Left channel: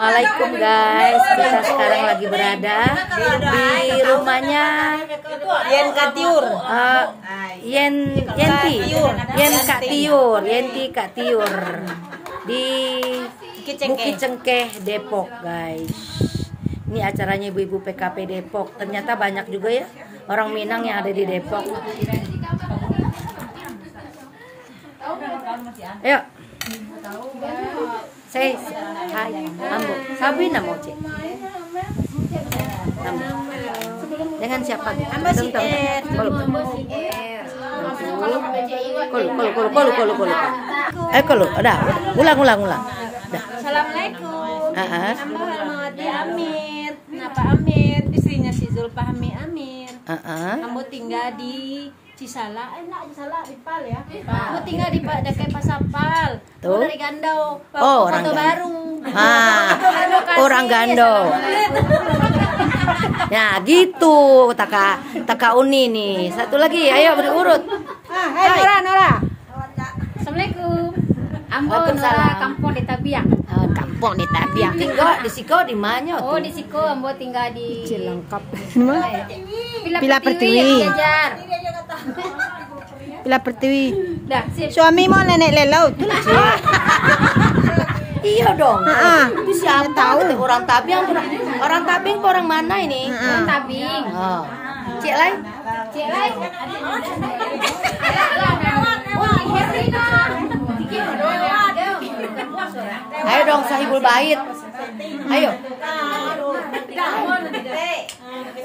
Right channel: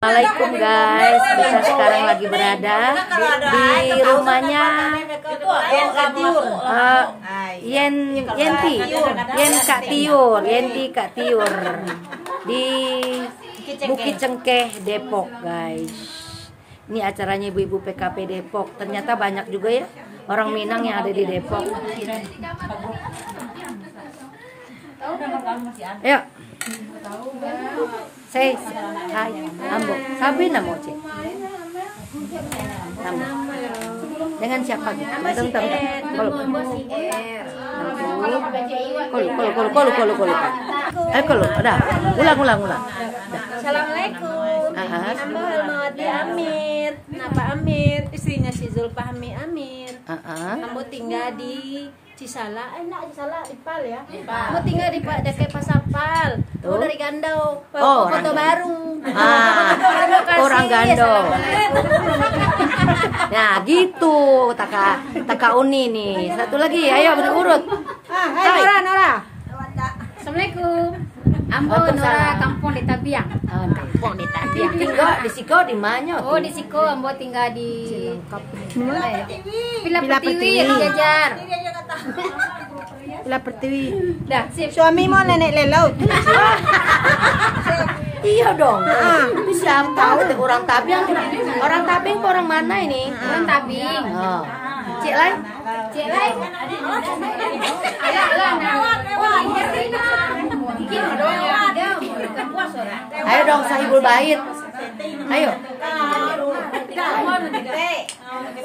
Assalamualaikum guys, kita sekarang lagi berada di rumahnya Yenti Kak Tiur di Bukit Cengkeh Depok guys. Ini acaranya ibu-ibu PKP Depok. Ternyata banyak juga ya orang Minang yang ada di Depok. Ayo. Hai, ambo. Sabi na mo, Cik. Nama. Dengan siapa gitu? Bentar. Kolu. Kolu. Udah. Ulang. Dah. Assalamualaikum. Hamba Halmawati Amir. Napa Amir? Istrinya si Zulfahmi Amir. Ambo tinggal di Cisala, Cisala Ipal ya. Ambo tinggal di dekat Pasapal. Tuh dari Gandau. Foto baru. Orang Gandau. Ya gitu, taka Uni nih. Satu lagi, ayo berurut. Hai Nora. Assalamualaikum. Ambo Nora kampung di Tabiang. Kampung di Tabiang. Tinggal di Siko di mana? Oh di Siko, Ambo tinggal di Pila Pertiwi, Jajar. Pila Pertiwi. Dah, sip. Suami mau nenek lelau. Iya dong. Itu siapa? Orang Tabiang. Orang Tabiang ke orang mana ini? Orang Tabing. Oh. Cik Lai? Ayo dong sahibul bait. Ayo.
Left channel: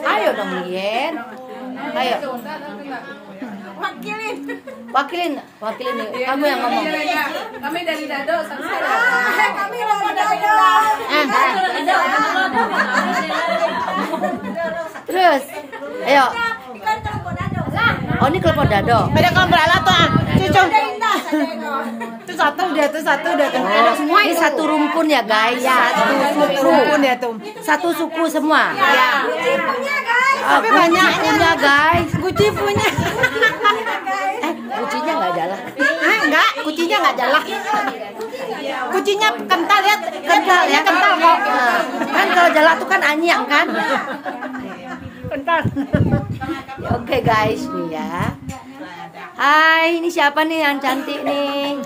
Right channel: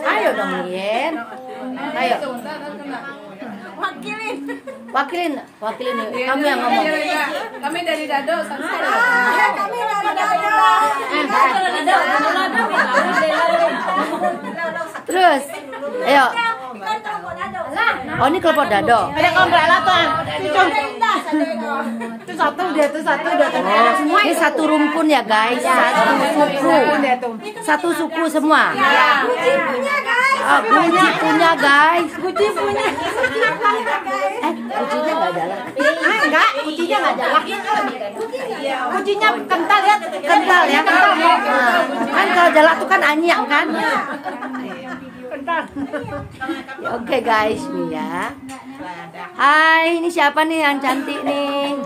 Ayo dong Yen. Ayo. Wakilin. Kamu yang ngomong. Kami dari Dado. Kami dari Dado. Terus, ayo. Oh ini kelompok Dado. Itu satu udah. Oh, ini satu rumpun ya guys, satu suku. Satu suku semua. Guci punya guys. Guci punya guys. Guci punya. Gucinya nggak jalan. Enggak, kucinya nggak jalan. Kucinya kental ya. Kental ya. Nah, kan kalau jalan tuh kan anyang kan. Kental. Ya, oke guys nih ya. Hai, ini siapa nih yang cantik nih?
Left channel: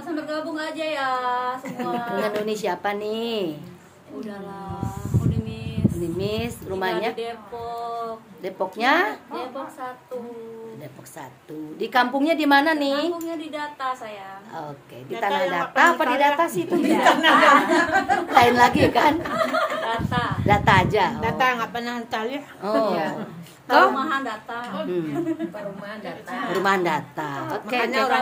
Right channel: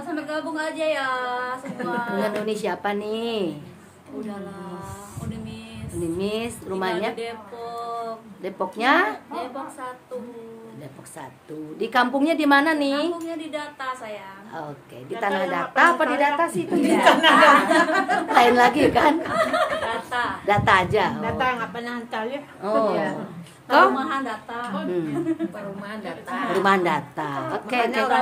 Sampai gabung aja ya semua. Dengan Uni siapa nih? Udahlah, Miss, rumahnya di Depok. Depoknya? Depok 1. Depok 1. Di kampungnya di mana nih? Kampungnya di Data sayang. Oke, di Tanah Data apa di Data sih itu? Lain lagi kan? Data. Data aja. Oh. Data nggak pernah cari. Oh. Kok? Perumahan Data. Perumahan Data. Perumahan Data. Oke. Data.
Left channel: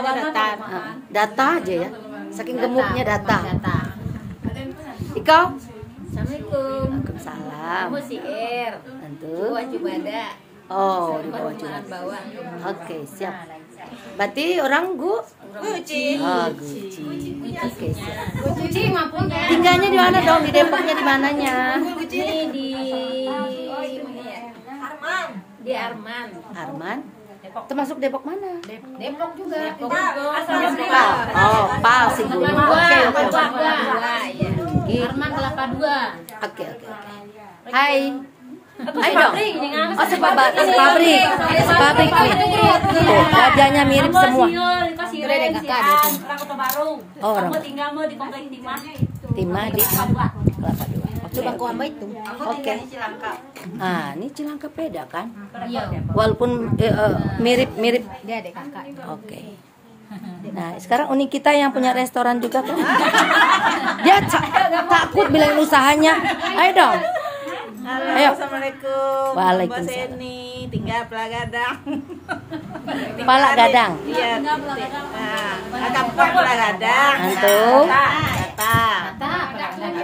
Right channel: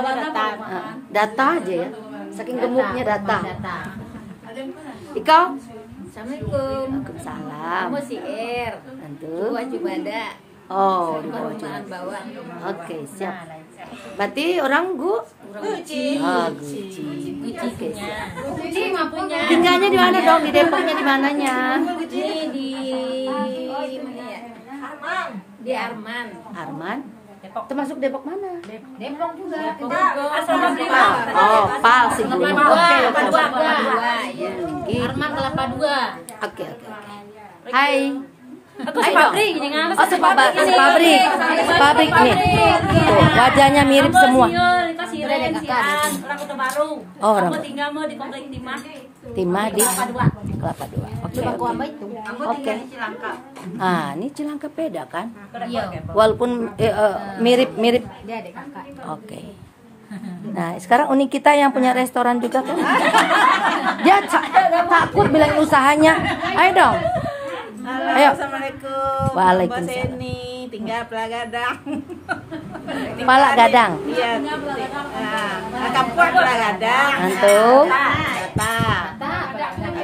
Data aja ya. Saking gemuknya data. Iko? Assalamualaikum. Waalaikumsalam. Kamu si Ir. Tentu. Gua Jubada. Oh, di bawah Perumahan juga. bawah. Oke, siap. Berarti orang Guci. Oh, Guci. Oke, siap. Guci mampunya. Tinggalnya di mana dong? Di Depoknya di mananya? Ini di Arman. Di Arman. Arman. Termasuk Depok mana? Depok juga. Depok. Pal. Oh, Pal si gunung. Oke. Ya. Gitu. Arman Kelapa 2. Oke. Hai. Ayo dong. Oh, sepabrik nih. Tuh, wajahnya mirip semua. Oh, orang. Tinggal di komplek Timah di Kelapa 2. Oke. Oke. Ah, ini Cilangkap beda kan? Iya. Walaupun mirip. Dia ada kakak. Oke. Nah, sekarang Uni kita yang punya restoran juga kan? Dia takut bilangin usahanya. Ayo dong. Halo, Ayo. Assalamualaikum. Waalaikumsalam. Mbak Seni, tinggal Pelagadang. Pala Gadang. Iya. Kampung Pelagadang. Antum. Data.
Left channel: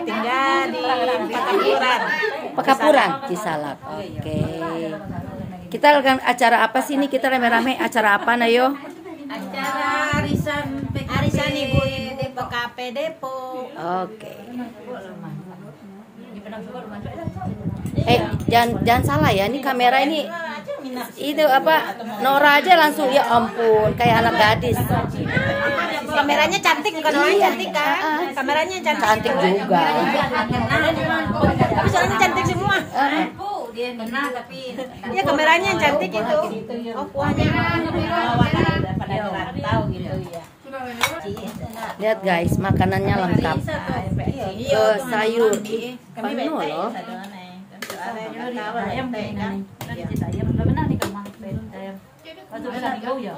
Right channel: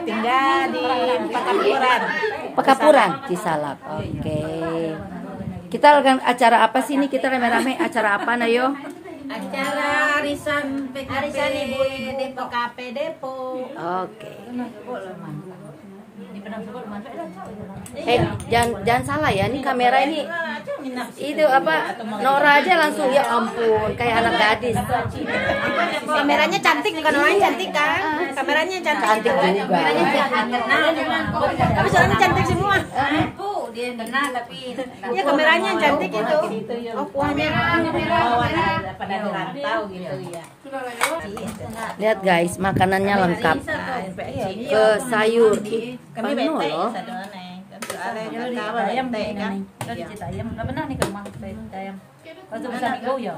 Tinggal di Pakapuran. Pekapuran Cisalak. Oke. Kita akan acara apa sih ini? Kita rame-rame acara apa Nayo? Acara arisan Ibu-ibu PKP Depok. Oke. Jangan salah ya, ini kamera ini itu apa, Nora aja langsung ya ampun kayak anak gadis. Kameranya cantik bukan orangnya cantik kan? Kameranya cantik juga. Tapi orangnya cantik semua. Dia kena tapi Iya kameranya yang cantik itu. Oh kuahnya. pada dirantau gitu ya. Lihat guys, makanannya lengkap. Ke sayur. Pano loh. Ayam ayam nggak benar nih kamu ayam. Waktu bisa digau ya.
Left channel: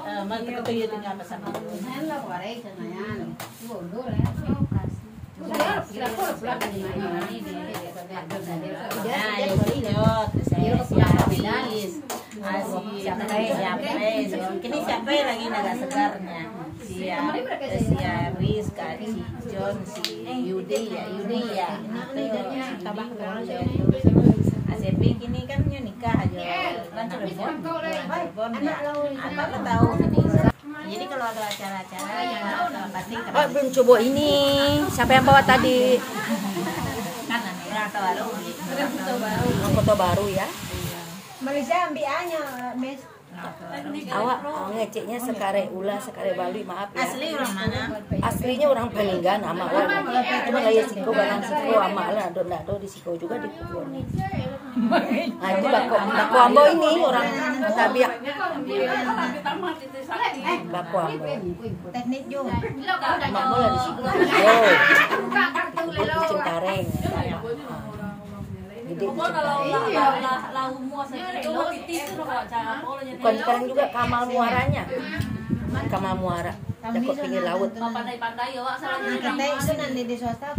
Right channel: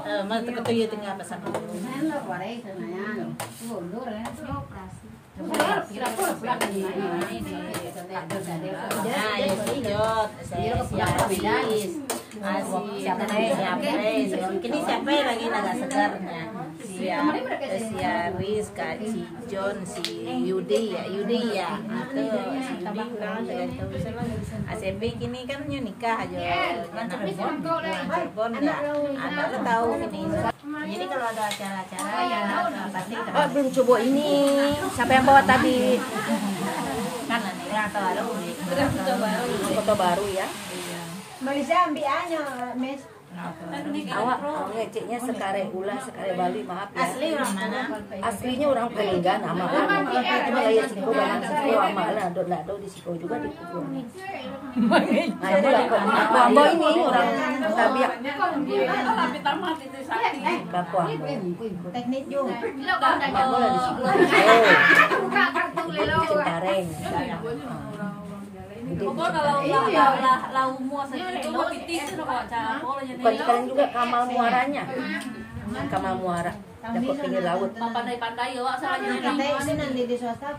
Kini siapa lagi naga segarnya? Si Ruiz kan, si John, si Yudi ya. ACP kini kan nikah aja. Anak tahu ini. Jadi kalau ada acara-acara ya pasti Belum coba ini. Siapa yang bawa tadi? Foto baru ya. Malaysia ambil aja, Mes. Awak ngeceknya sekare ulah, sekare Bali, maaf ya. Asli orang mana? Aslinya orang Pelinggan, ama orang. Cuma kayak Siko, Balang Siko, ama lah, do di Siko juga di Kubon. Nah itu Baku Ambo ini orang Tabiak. Baku Ambo. Teknik juga. Mama lah di Siko. Oh, Cengkareng. Bukan juga Kamal Muaranya. Kamal Muara. Dapat pinggir laut. Pandai-pandai ya, Katanya itu nanti di swasta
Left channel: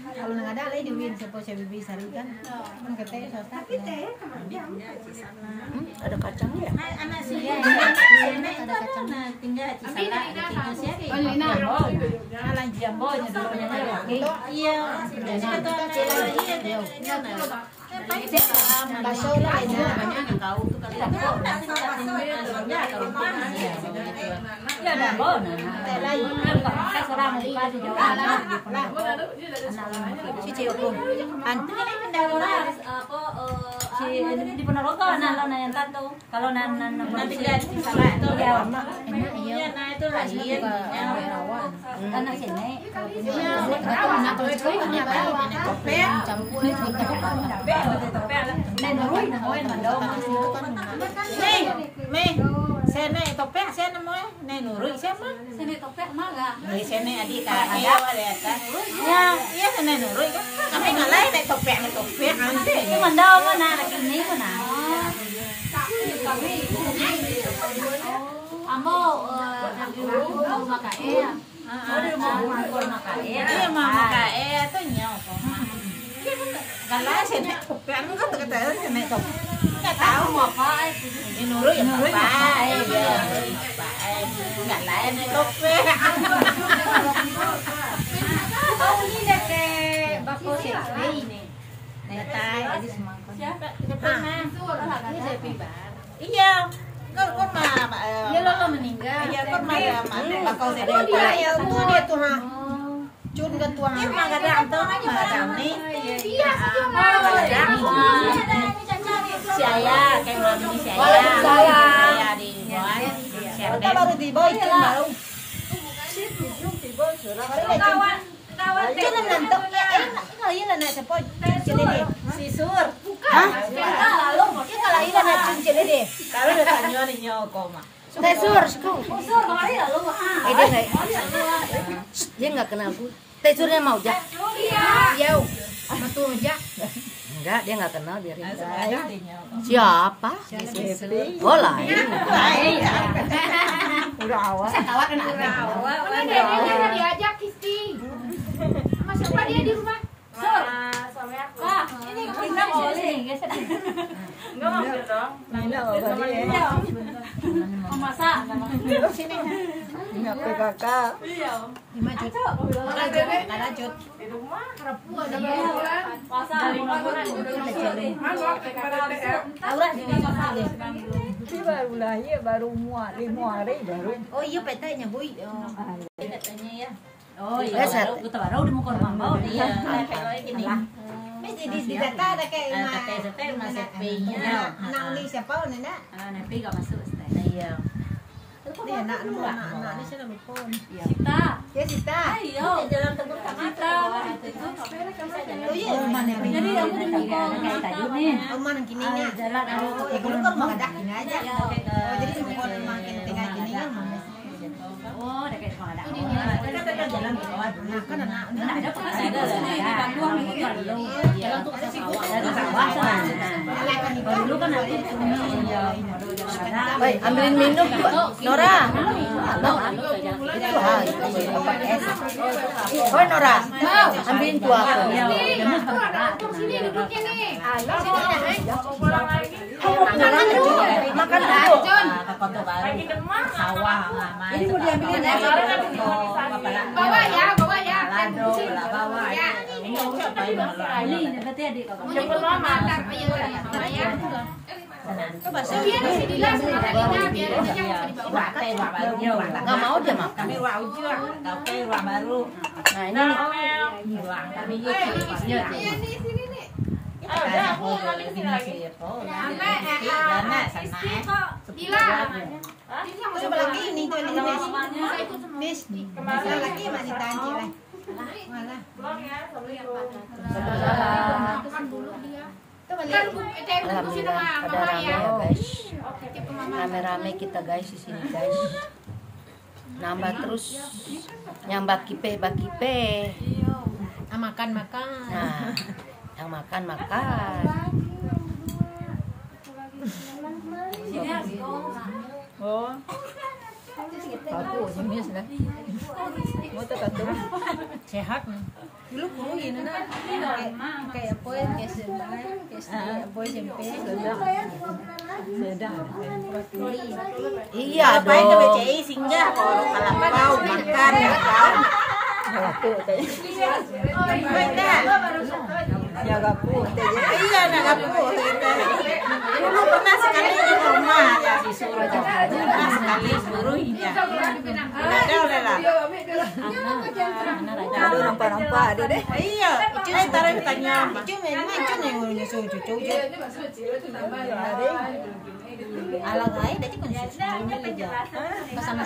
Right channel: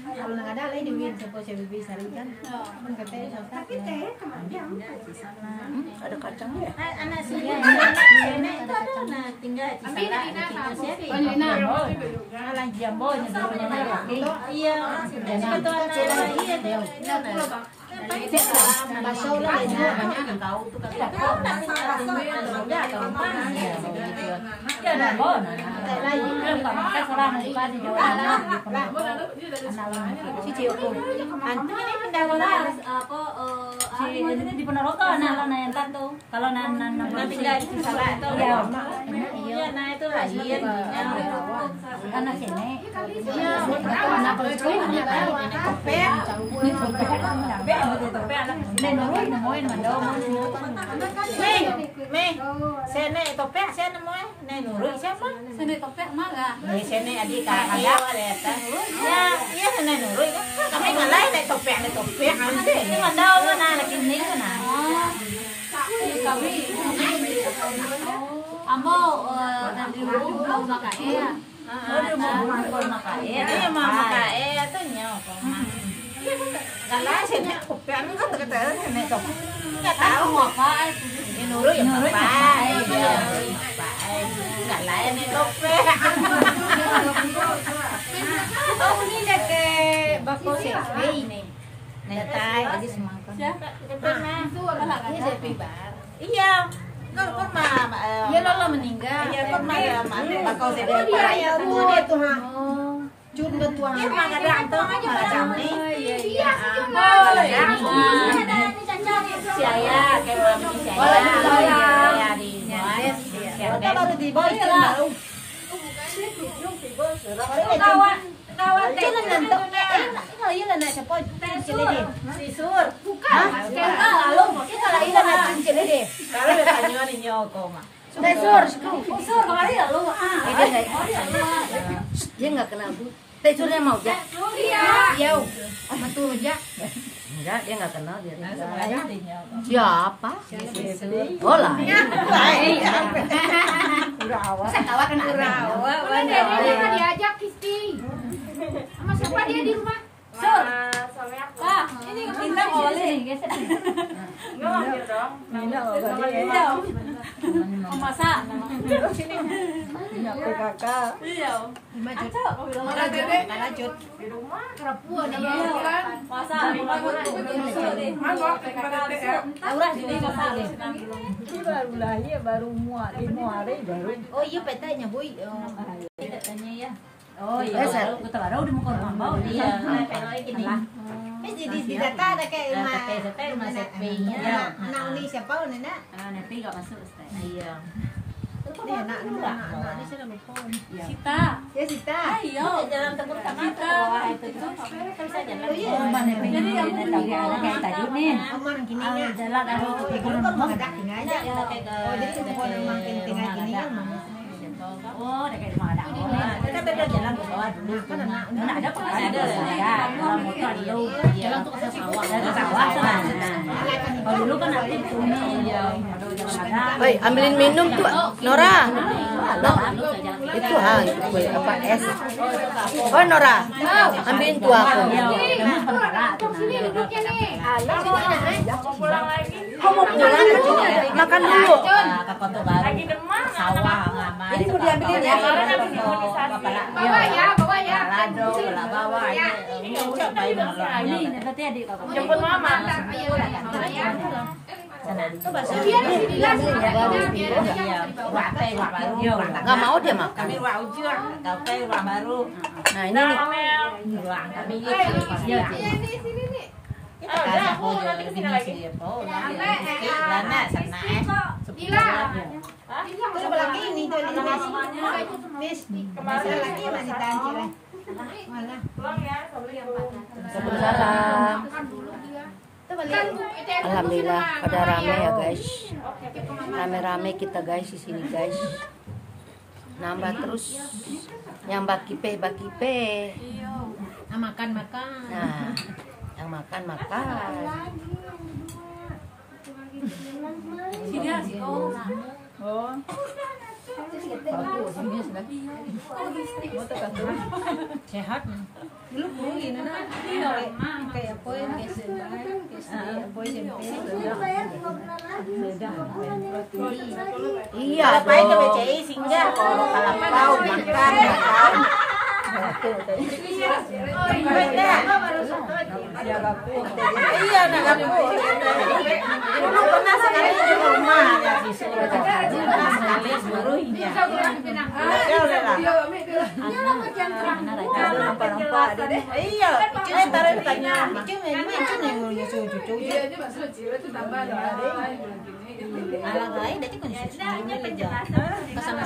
kalau nggak ada lagi di Win sepo CBB Sari kan katanya swasta Ada kacang ya? anak sih ada kacang tinggal di sana jambonya dulu lagi. iya betul iya bakso banyak kau tuh Ya ada bona. Kan seorang suka di Jawa Tengah di Ponorogo. Cici hukum. Di Ponorogo anak lo yang tato. Kalau nan tinggal di sana iya. iya nah itu lahir Anak sini. Nenurui nemuin mandau Meh, sene topek sene moe, nurui siapa? Sini topek mah enggak. Sene adik ada ada. Ya, iya sene nurui. Kami ngalai nek topek ante. Ini mandau mana lagi ini mana? Ambo di rumah makae. Oh, di rumah makae. Di rumah makae tuh nyok. Kalau sene topek enggak terketahui sene topek. Enggak tahu apa. Nurui apa? Enggak lain topek. Kamu ini dek baku CP ini. Netai aja semangkuk. Siapa? Ini CP bar. Iya. Kok mama. Dia lo meninggal. Iya, kok mama baku CP. Oh dia ya, dia tuh ha. Jun dah tuang. Dia mah ada antum nih. Iya, si ayah kayak mami si ayah di kita baru di boy baru jangan nantok kalau iya nak cepat cincin si sur bukan kalau iya nak cincin deh kalau ya tanyo nyoko mah Tesur, Sur kemarin ya lu. dia nggak kenal aku. Tesurnya mau jak? jauh betul jak Enggak, dia nggak kenal dia. Siapa? Oh lain. udah awal Saya kawat kan ada. Dia diajak Kisti. Sama siapa dia di rumah? Sur. Pak, ini kamu mau sini, geser. Enggak mampir dong. Masak. sini kakak Iya. lanjut lanjut Di rumah. Kerapua ada Masak. Aura ini baru lahir baru muat 5 hari baru oh iya petanya boy katanya ya Oh iya, baru di muka rumah bau dia. Kayak gini. Jadi di data ada kayak anak uni siapa Nena? Anak enggak masuk. Iya. Dia anak ini sudah telepon. Sita. Ya Sita. Ayo, jalan tebuk Sita. Jadi yang kayak tadi nih. Omong gini nih. Jalan Kalau kan mau ada gini aja. Oh, jadi telepon makin tengah gini ya, Mama. Oh, ada kayak mau ada. Kita jalan ke bawah. Nah, kan anak ini Ada pengasih ada. Kalau motor dulu. Jalan tuh ke sawah. Ada sawah sana. Kalau dulu kan ada itu. Woi, ambilin minum tuh, Nora. Itu tempat es. Oh Nora, ambilin tuh aku. Kamu pulang makan dulu. Sawah, Jadi mau diambilin es. Bawa ya. Ini berarti adik kakak. Jemput mama. itu bahasa Nggak mau dia makan. Nah ini lagi ini tuh Miss lagi masih tanji lah malah alhamdulillah pada rame ya guys. Rame-rame kita guys di sini guys. Nambah terus yang bakipe. makan. Nah, yang makan. Sehat dulu guru ini kayak apa ya Iya apa itu BCI singgah kalau kau makan iya nagapu dulu pernah sekali di rumah ya disuruh sekali suruhnya iya taruh tanya alang lain dia kan susunya aja masana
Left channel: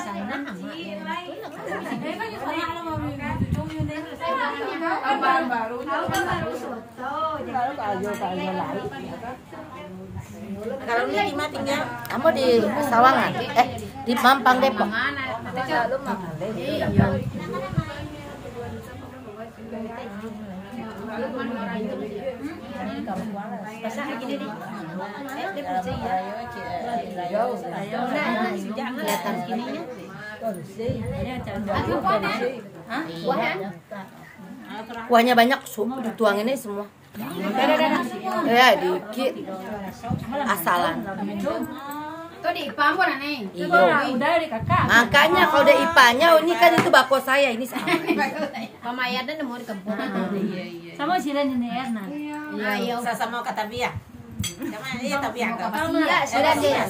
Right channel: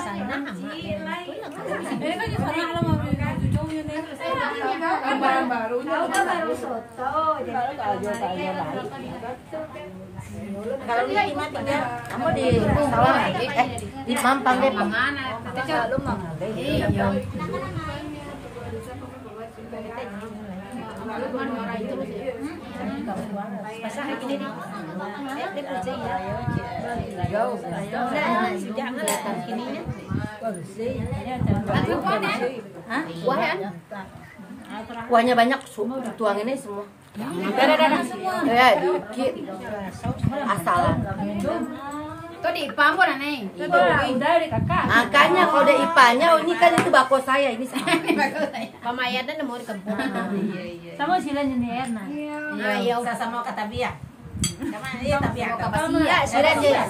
kalau ini di mana tinggal Kamu di Sawangan? Di Mampang Depok. pasah jadi dia percaya jauh jangan kelihatan sininya Kuahnya banyak, tuang ini semua. Ya dikit, asalan. Tuh di pampu nih. Makanya kalau udah ipanya, ini kan itu bako saya ini. Pamaya dan mau di kampung. Sama sila ni Erna. Ayo Sama kata biak. Sama dia tapi agak Iya, sudah dia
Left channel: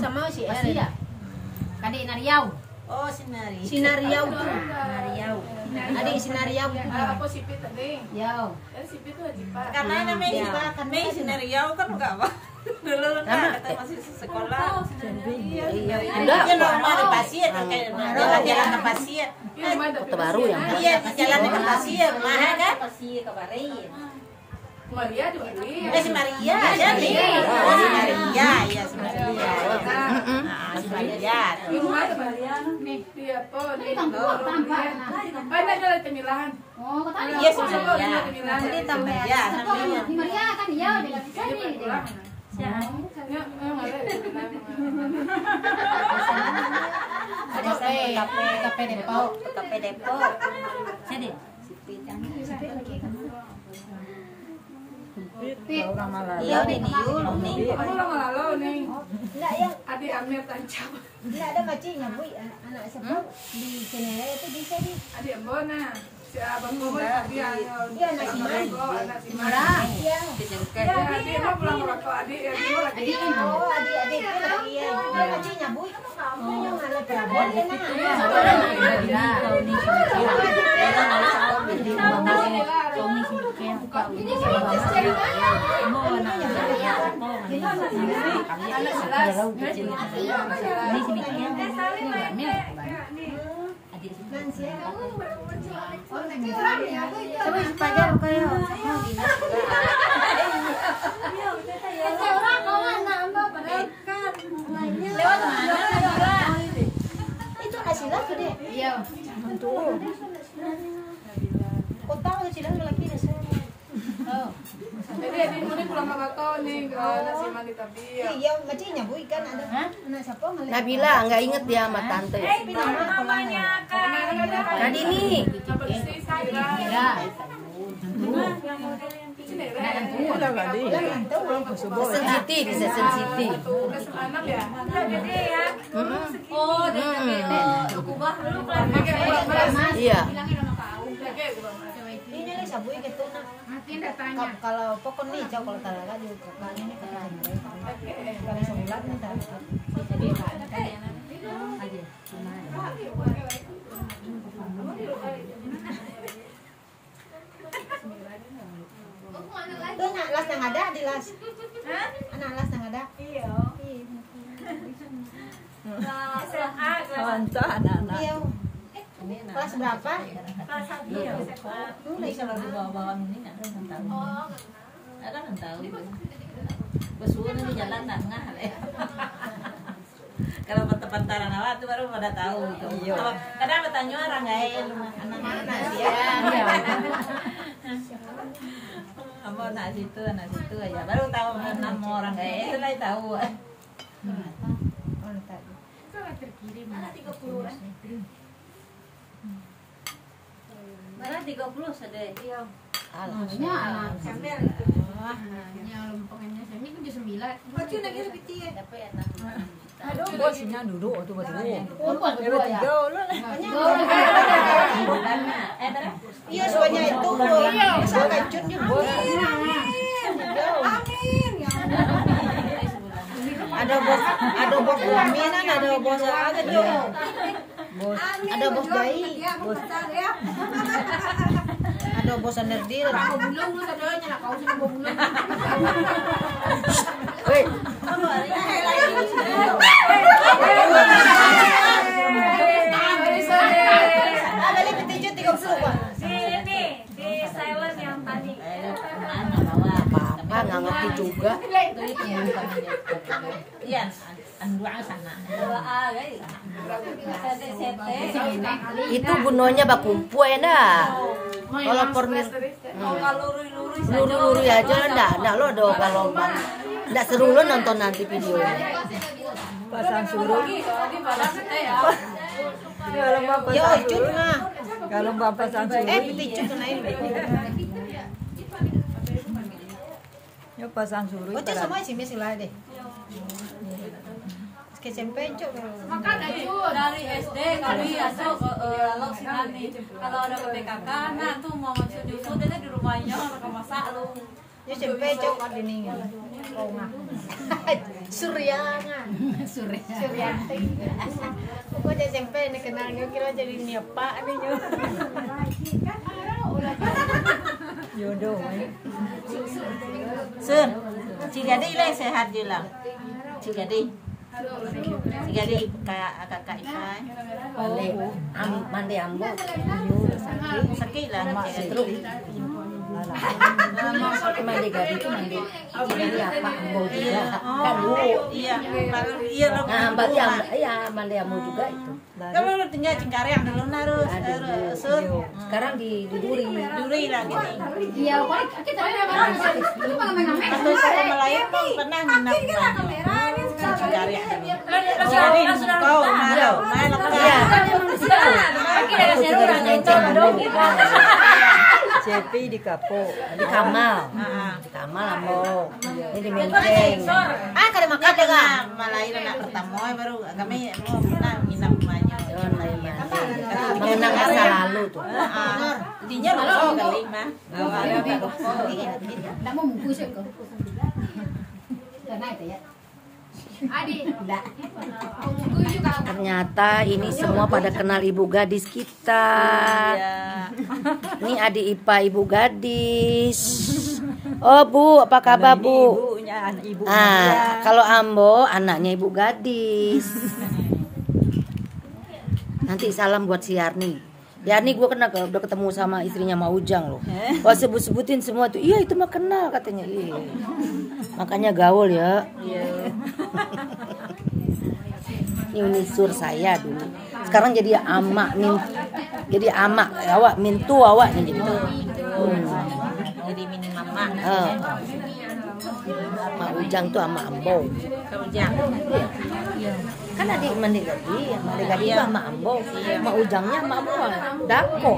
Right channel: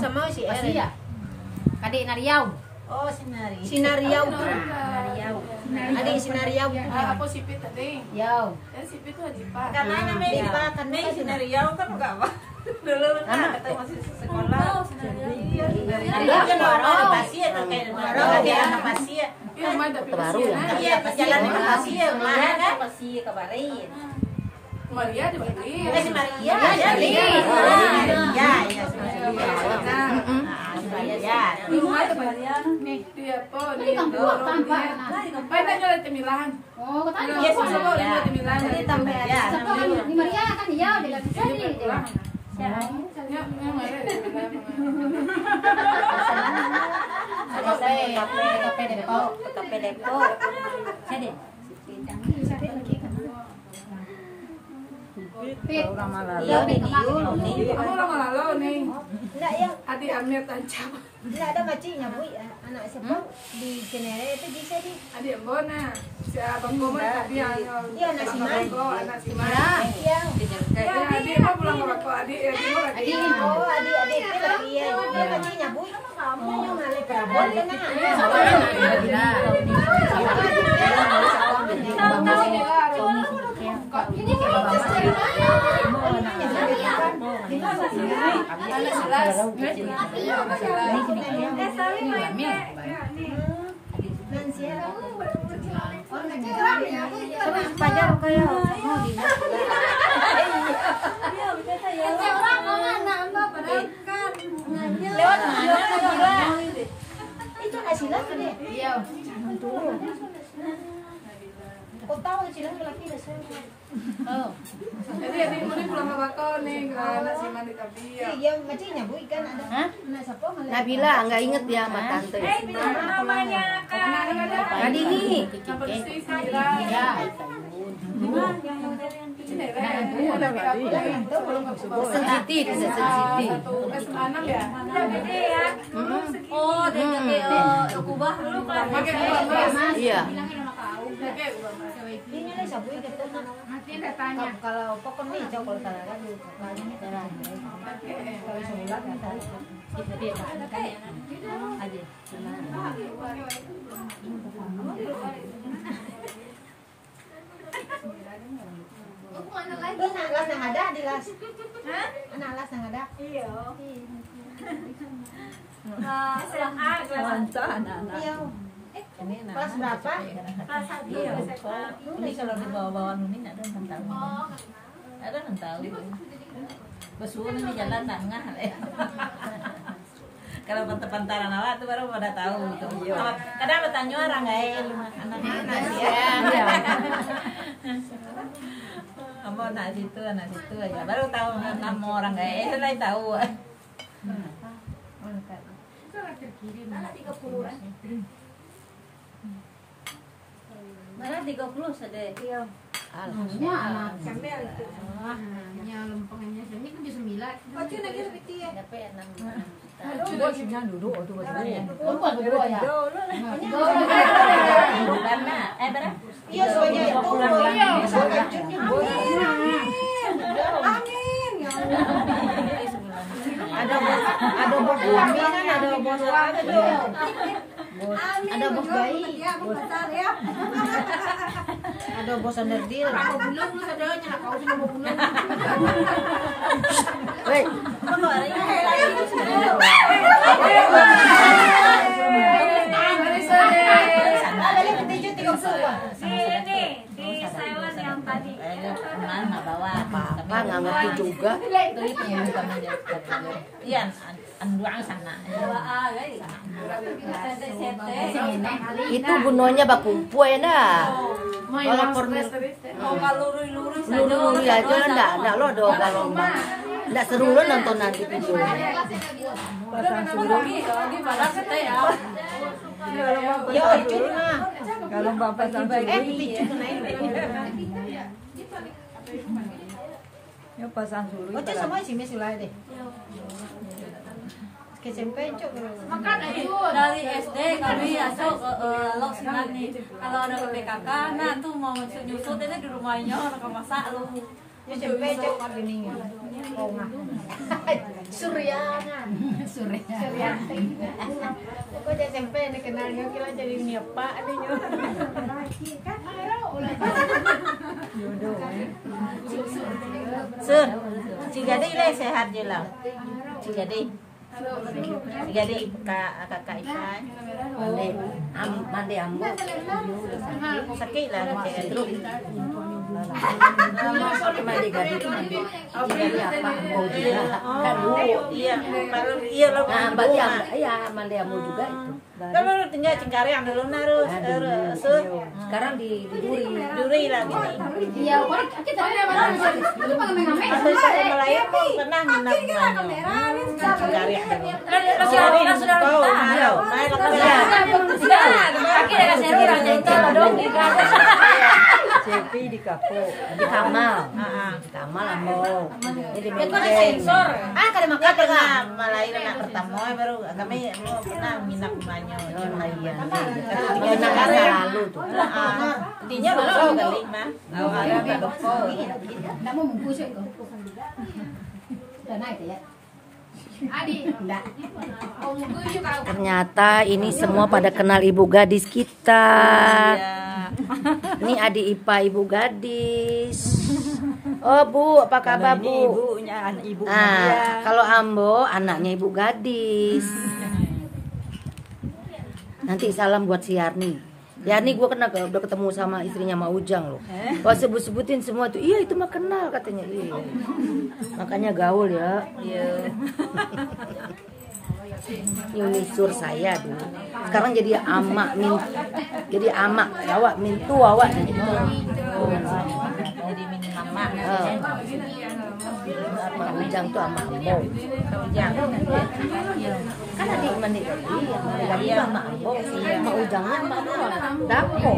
sama si Eria. Kadi Nariau. Oh, sinari. Sinariau tuh. Adik sinariau. Apa sipit tadi? Yau. Sipit tuh jipa. Karena namanya kan sinari kan enggak apa. Dulu kata masih sekolah. Iya. Dia normal pasien kayak jalan ke pasien. Terbaru ya. Iya, jalan ke pasien. Mana kan? Pasien kemarin. Maria di Bali. Si Maria. Maria. Iya, Maria. Di rumah ada Maria. Nih, dia apa? Di kampung tanpa. Banyak jalan Temilahan. Oh, kota Iya, semua dia Temilahan. Jadi tambah Ya, di Maria kan iya udah bisa nih. ada saya kafe Depok. Sini. Iya di Niul nih. Kamu lama lalu nih. Enggak ya, Adik Amir tancap. enggak ada kacanya, Bu. Anak siapa di Cinere itu bisa di. Adik Bona. Si Abang Bona dia. Iya, anak Siman. Anak Siman. Iya. Adik mah pulang berapa? Adik lagi. Oh, adik itu lagi ya. Dia kacanya, Bu. Mau ngale Prabon kan. Coba pajar kayak lewat mana itu hasilnya gede. Iya. Kau tahu hasilnya lagi oh. Jadi adik murid pulang ke bakau nih ke nasi mandi tapi ya. Iya, ngecinya Bu ikan ada. Nabila nggak inget ya sama tante. Namanya Kak. Tadi nih. Ya. Sensitif, bisa sensitif. Satu ya. Gede ya. Oh, dari kubah dulu Iya. Ini lah sabu gitu. Kalau pokok nih jauh kalau tak ada gitu. Itu anak las yang ada di las. Hah? Anak las yang ada. Iya. SMA kelas anak-anak. Iya. Kelas berapa? Kelas 1 SMA. Ini kalau di bawah-bawah ini ada yang tahu. Ada yang tahu. Pesuun ini jalan tengah. Kalau pantaran awak itu baru pada tahu. Kadang bertanya orang lain, anak-anak ya. Kamu anak situ ya. Baru tahu nama orang kayak itu udah tahu. Terkirim 30-an. Mana 30 sadar. Iya. Alhamdulillah. Anak sambil itu. Nya lempengannya ini kan 9. Pacu lagi lebih tinggi. Tapi enak. Aduh, coba sini duduk tuh berdua. Lupa berdua ya. Iya, semuanya itu. Masa kacunnya. Ada bos Aminan, ada bos ada dong. Ada bos bayi. Ada bos Nerdil. Kau belum lu sadanya kau cuma belum. Hei, Balik petinju 30. Sini di silent yang tadi. apa-apa nggak ngerti juga. Iya, dua sana. Itu gunanya bakumpu ya dah. Kalau kornir luri aja enggak lo do kalau enggak seru lo nonton nanti videonya. Ya, icun mah. Kalau bapak sampai petinju naik. Ya pasang suruh. Baca semua sih mesilah deh. SMP coba. Makan aja. Dari SD kami masuk lalu sinar nih. Kalau ada PKK, nah tuh mau nyusut ini di rumahnya orang masak lu. Ya SMP coba gini ya. Suryangan. Surya. Gua di SMP nih kenalnya kira jadi nyepa nih nyu. Jodoh. Sun, Cigadi lah sehat je lah. Cigadi kakak Ipan. Mandi ambo. Sakit lah Cigadi. Mau pakai mandi gadi itu mandi. Gadi apa? Ambo juga. Kan lu. Iya, iya lah. Mandi ambo juga itu. Kalau lu tinggal Cingkari yang dulu narus, Sun. Sekarang di Duri lah gini. Iya, kita mana? Lu Waktu saya Melayu pun pernah nginap Cingkari yang dulu. Cingkari kau malu, malu Cepi di kapo. di Kamal. Di Kamal ambo. Ini di Menteng. Kada Dia pernah Melayu anak pertama baru kami mau pernah nginap banyak Melayan. Tinggal Cingkari lalu tuh. Intinya lupa kali mah. Ada tak lupa. Enggak mau bungkus itu. Dan naik ya. Adi, enggak. Mau bungkus juga. Ternyata ini semua pada kenal ibu gadis kita. Ini adik Ipa ibu gadis. Oh Bu, apa kabar Bu? Ibunya, anak ibu. Kalau Ambo anaknya ibu gadis. Nanti salam buat si Yarni. Yarni gue udah ketemu sama istrinya Ma Ujang loh. Wah sebut-sebutin semua tuh. Iya itu mah kenal katanya. Iya. Makanya gaul ya. Ini sur saya dulu. Sekarang jadi ama min. Jadi ama awak mintu awak gitu. Jadi mini mama. Ma Ujang tuh sama Ambo. Kan adik menik tadi yang menik tadi sama Ambo. Ma Ujangnya sama Dako.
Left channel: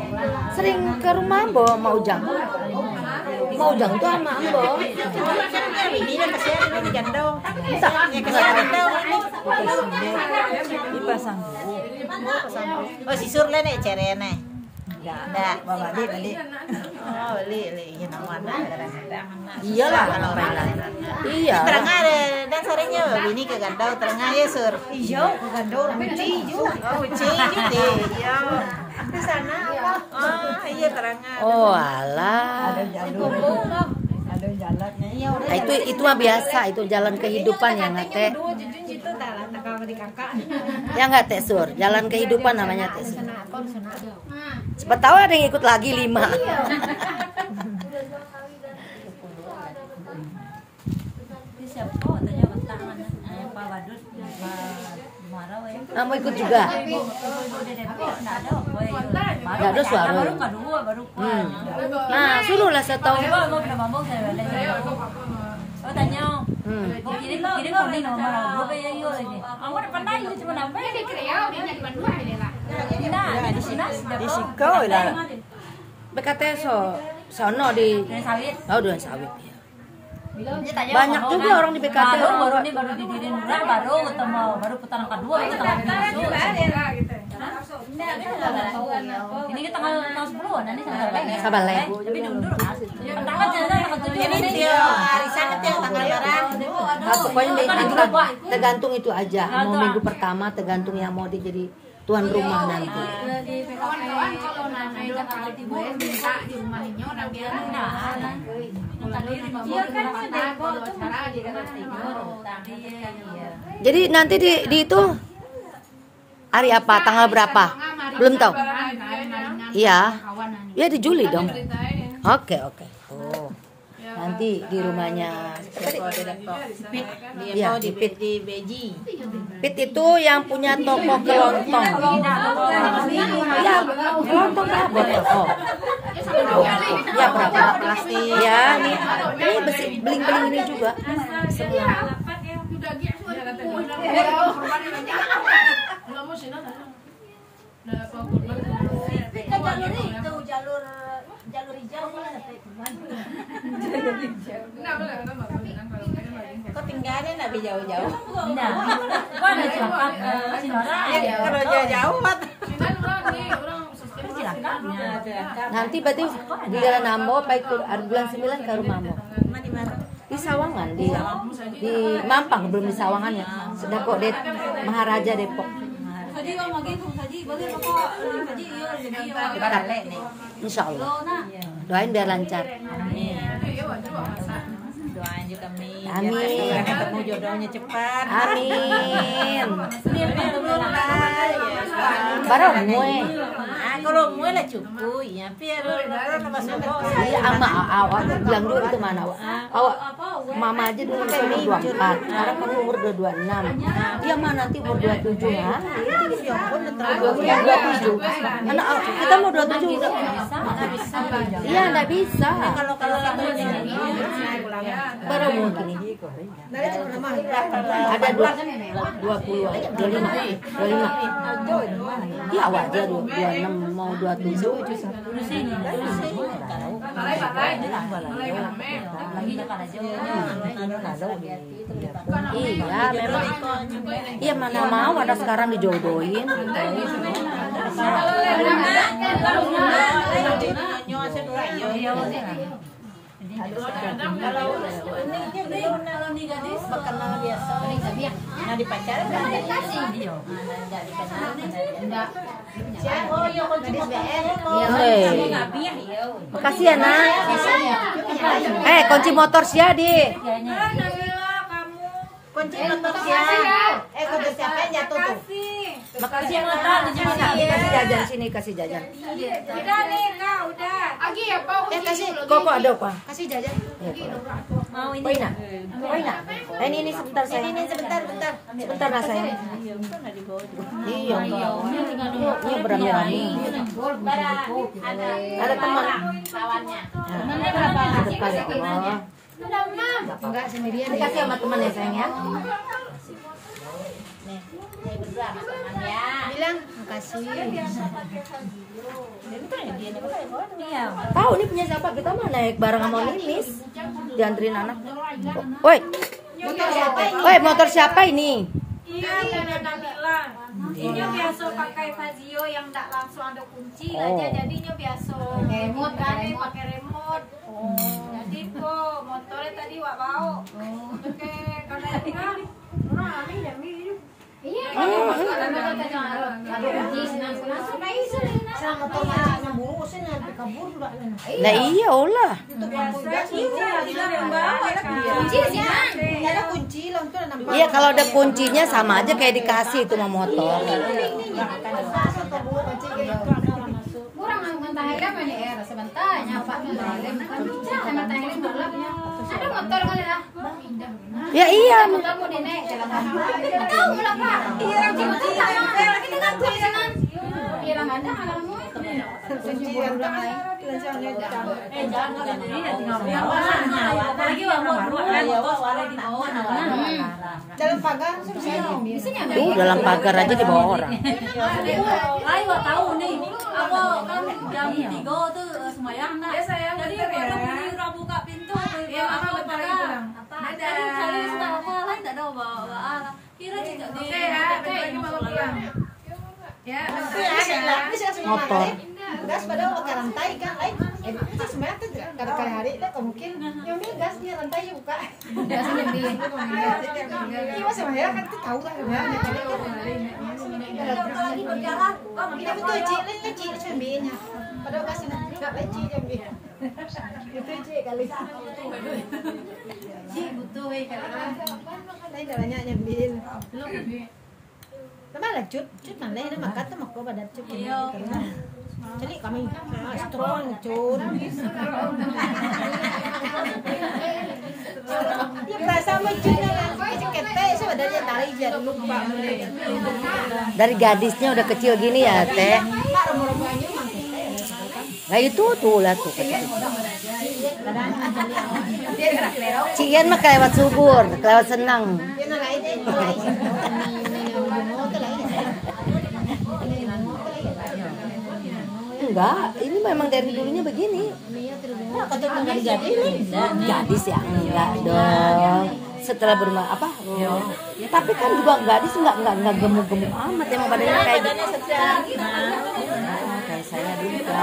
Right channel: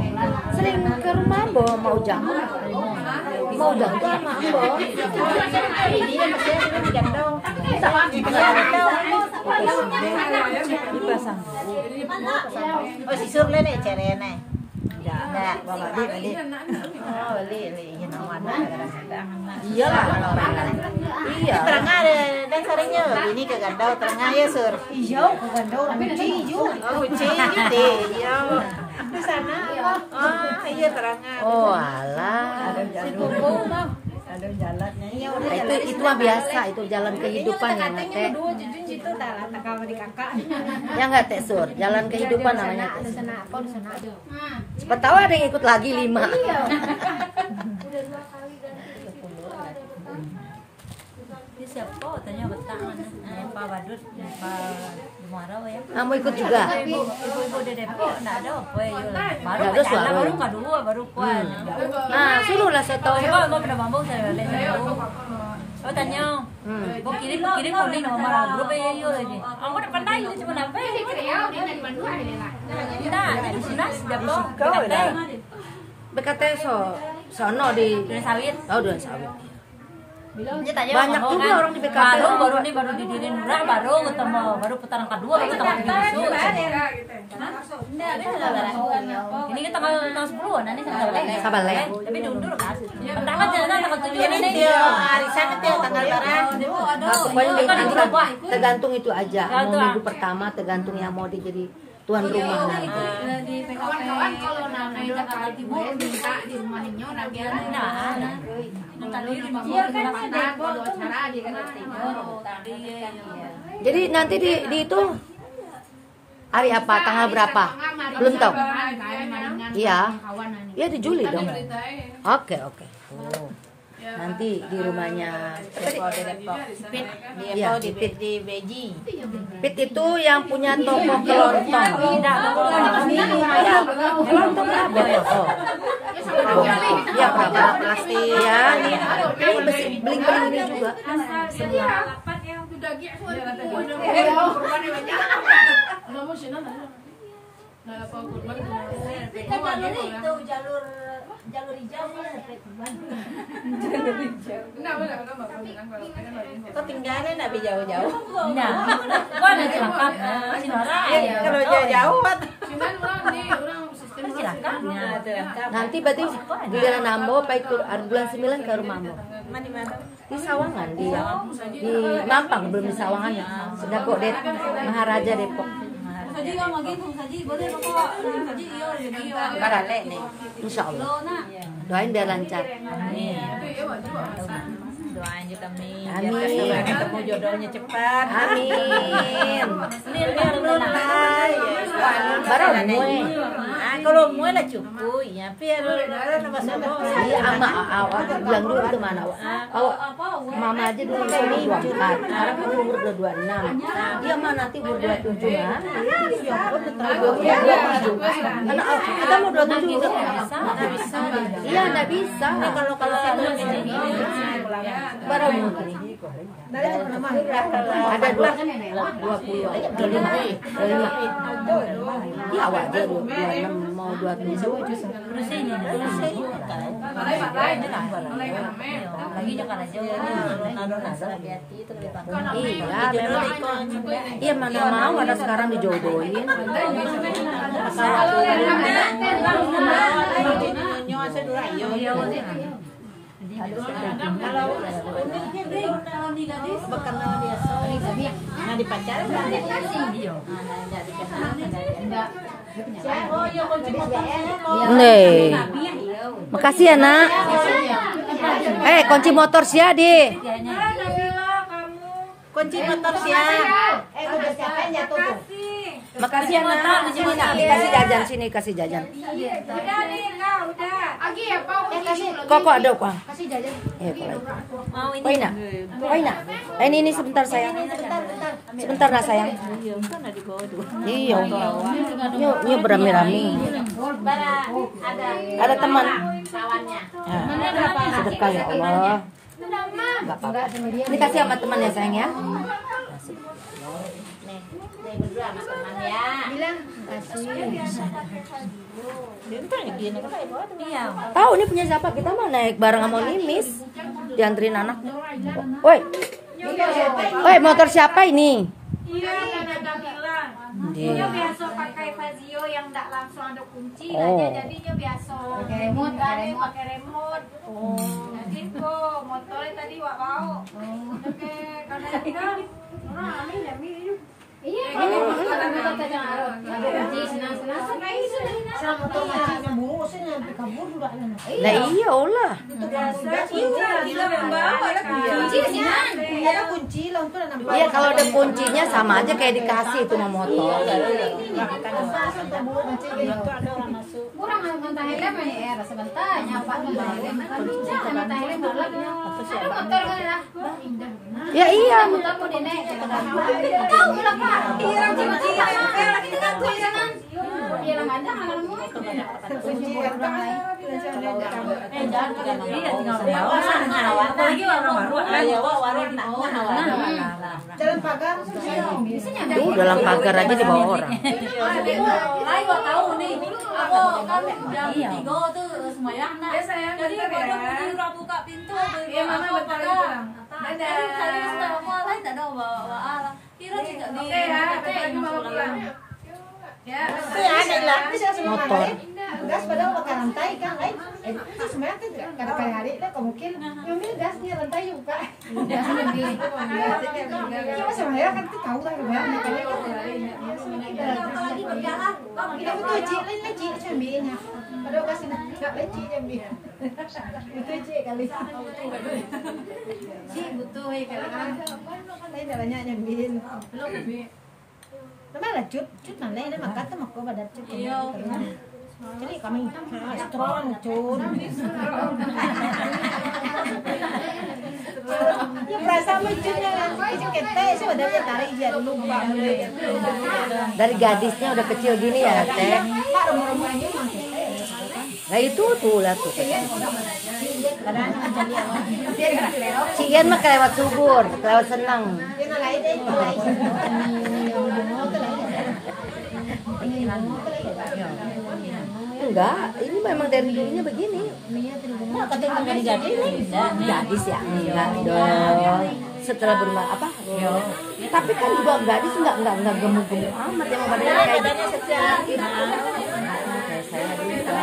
Sering ke rumah Ambo Ma Ujang. Ma Ujang tuh sama Ambo. Ini yang kesian di gandong. Dipasang. Oh si Sur nih cere nih. Enggak, bawa balik. Oh, beli ya mana. Iyalah orang lain. Iya. Terang ada dan sorenya ini ke gandau terang ya Sur. Iya, ke gandong uci juga. Oh, uci gitu. Iya. Di sana. Oh, iya terang. Oh, alah. Si Bumbu mau. Ada jalannya. Iya, udah. Itu mah biasa, itu jalan kehidupan ya nggak teh. Ya nggak teh Sur, jalan kehidupan namanya teh. Siapa tahu ada yang ikut lagi 5. Kamu ikut juga? Gak ada suara. Nah, suruhlah saya tahu. Oh tanya, kirim kuning nomor grup ya yo ini. Kamu udah pernah itu cuma apa? Di Kriau di Bandung ini lah. Nah, di sini sudah di Sikau lah. Berkata sono di sawit. Oh, Duren Sawit. Banyak juga orang di BKT. Baru didirin baru ketemu baru putaran kedua itu tanggal 7. Ini kita tanggal 10 nanti Sabale. Tapi diundur kan. Pertama jalan tanggal 7 ini. Arisan itu tanggal berapa? Pokoknya tergantung itu aja. Mau minggu pertama tergantung yang mau jadi tuan rumah nanti. Kawan-kawan kalau nanya Jakarta Timur minta di rumah Nino nanti Jadi nanti di itu hari apa? Tanggal berapa? Belum tahu. Iya. Ya di Juli dong. Oke. Oh. Nanti di rumahnya Iya, di Pit di Beji. Pit itu yang punya toko kelontong. Kelontong apa? Oh. Ya, Plastik. Ya. Ini beli ini juga. Jalur hijau Kok tinggalnya nabi jauh-jauh? Nah, Kalau jauh Nanti berarti di Jalan Ambo baik bulan 9 ke rumah Ambo. Di Sawangan di Mampang belum di Sawangan ya. Sudah kok di Maharaja Depok. Insya Allah. Doain biar lancar. Doain kita nih. Amin. Ketemu jodohnya cepat. Amin. Baru mue. Kalau mue lah cukup ya. Biar nama sebo. Iya, ama awak bilang dulu itu mana awak mama aja dulu umur 24, sekarang kamu umur 26. Dia mah nanti umur 27 kan? 27. Anak kita mau 27 ini. Iya, enggak bisa. Kalau Baru mungkin ini. Ada 20 aja, 25. Dia awak dia 26 mau 27. Iya, memang. Iya, mana mau ada sekarang dijodohin. Kalau ini berkenal biasa. Nah di pacaran enggak kasih dia. Enggak dikenal, enggak. Oh, iya, Nih. Makasih ya, Nak. Kunci motor sia di. Kunci motor udah siapkan ya tuh. Makasih motor, Kasih jajan sini, kasih jajan. Udah nih, Kak, udah. Lagi ya, Pak. Kok ada apa? Kasih jajan. mau ini. Poina. Ini sebentar sayang. Sebentar nah sayang. Iya. Ini beramai-ramai. Ada teman. Temannya berapa? Sedekah ya Allah. Enggak sama dia. Ini kasih sama teman ya sayang ya. Nih berdua sama teman ya. Bilang makasih. Iya. Tahu ini punya siapa? Kita mah naik bareng sama Nimis. Dianterin anak. Woi. Motor siapa ini? Iya, Nana bilang. Dia biasa pakai Fazio yang tak langsung ada kunci aja, jadinya biasa. Pakai remote, Pakai remote. Jadi tuh motornya tadi wak bau. Oke, karena itu kan orang aneh ya hidup. Iya, pakai motor ada kunci senang-senang. Lah iya Allah. Biasa kunci tidak Ada kunci langsung anak. Iya kalau ada kuncinya sama aja kayak dikasih itu sama motor. Kurang mentah helm ini sebentar nyapa mentah helm kan mentah helm gelap ya. Ada motor kan ya? Ya iya. Kamu dinek tahu lah Pak. Iya kunci. Kita kan tulisan. Iya lah ada halamu itu. Jalan pagar Tuh dalam pagar aja dibawa orang. Ayo tahu nih, aku kan jam 3 tuh semuanya anak. Jadi baru mau buka pintu, aku pagar. Jadi kali sudah aku lain tak ada bawa. Kira tidak di. Ya, Motor. gas padahal pakai rantai kan lain itu sebenarnya tuh kada kayak hari itu mungkin yang bilang gas dia rantai juga gasnya bilang kita sebenarnya kan tuh tahu kan gimana kita betul cik lain cik sambilnya padahal gasnya nggak cik sambil itu cik kali cik butuh kadang-kadang lain banyak nyambil Memang lah cut nanti ada makan tuh makro pada cut jadi kami strong cut perasaan lucunya itu kete sebenarnya dari jadi lupa Dari gadisnya udah kecil gini ya teh. Nah itu tuh lah tuh. Cian mah kelewat subur, kelewat senang. Enggak, ini memang dari dulunya begini. Nah, kata gadis Gadis ya enggak dong. Setelah berumah apa? Tapi kan juga gadis enggak gemuk-gemuk amat yang badannya sedang. kayak saya juga.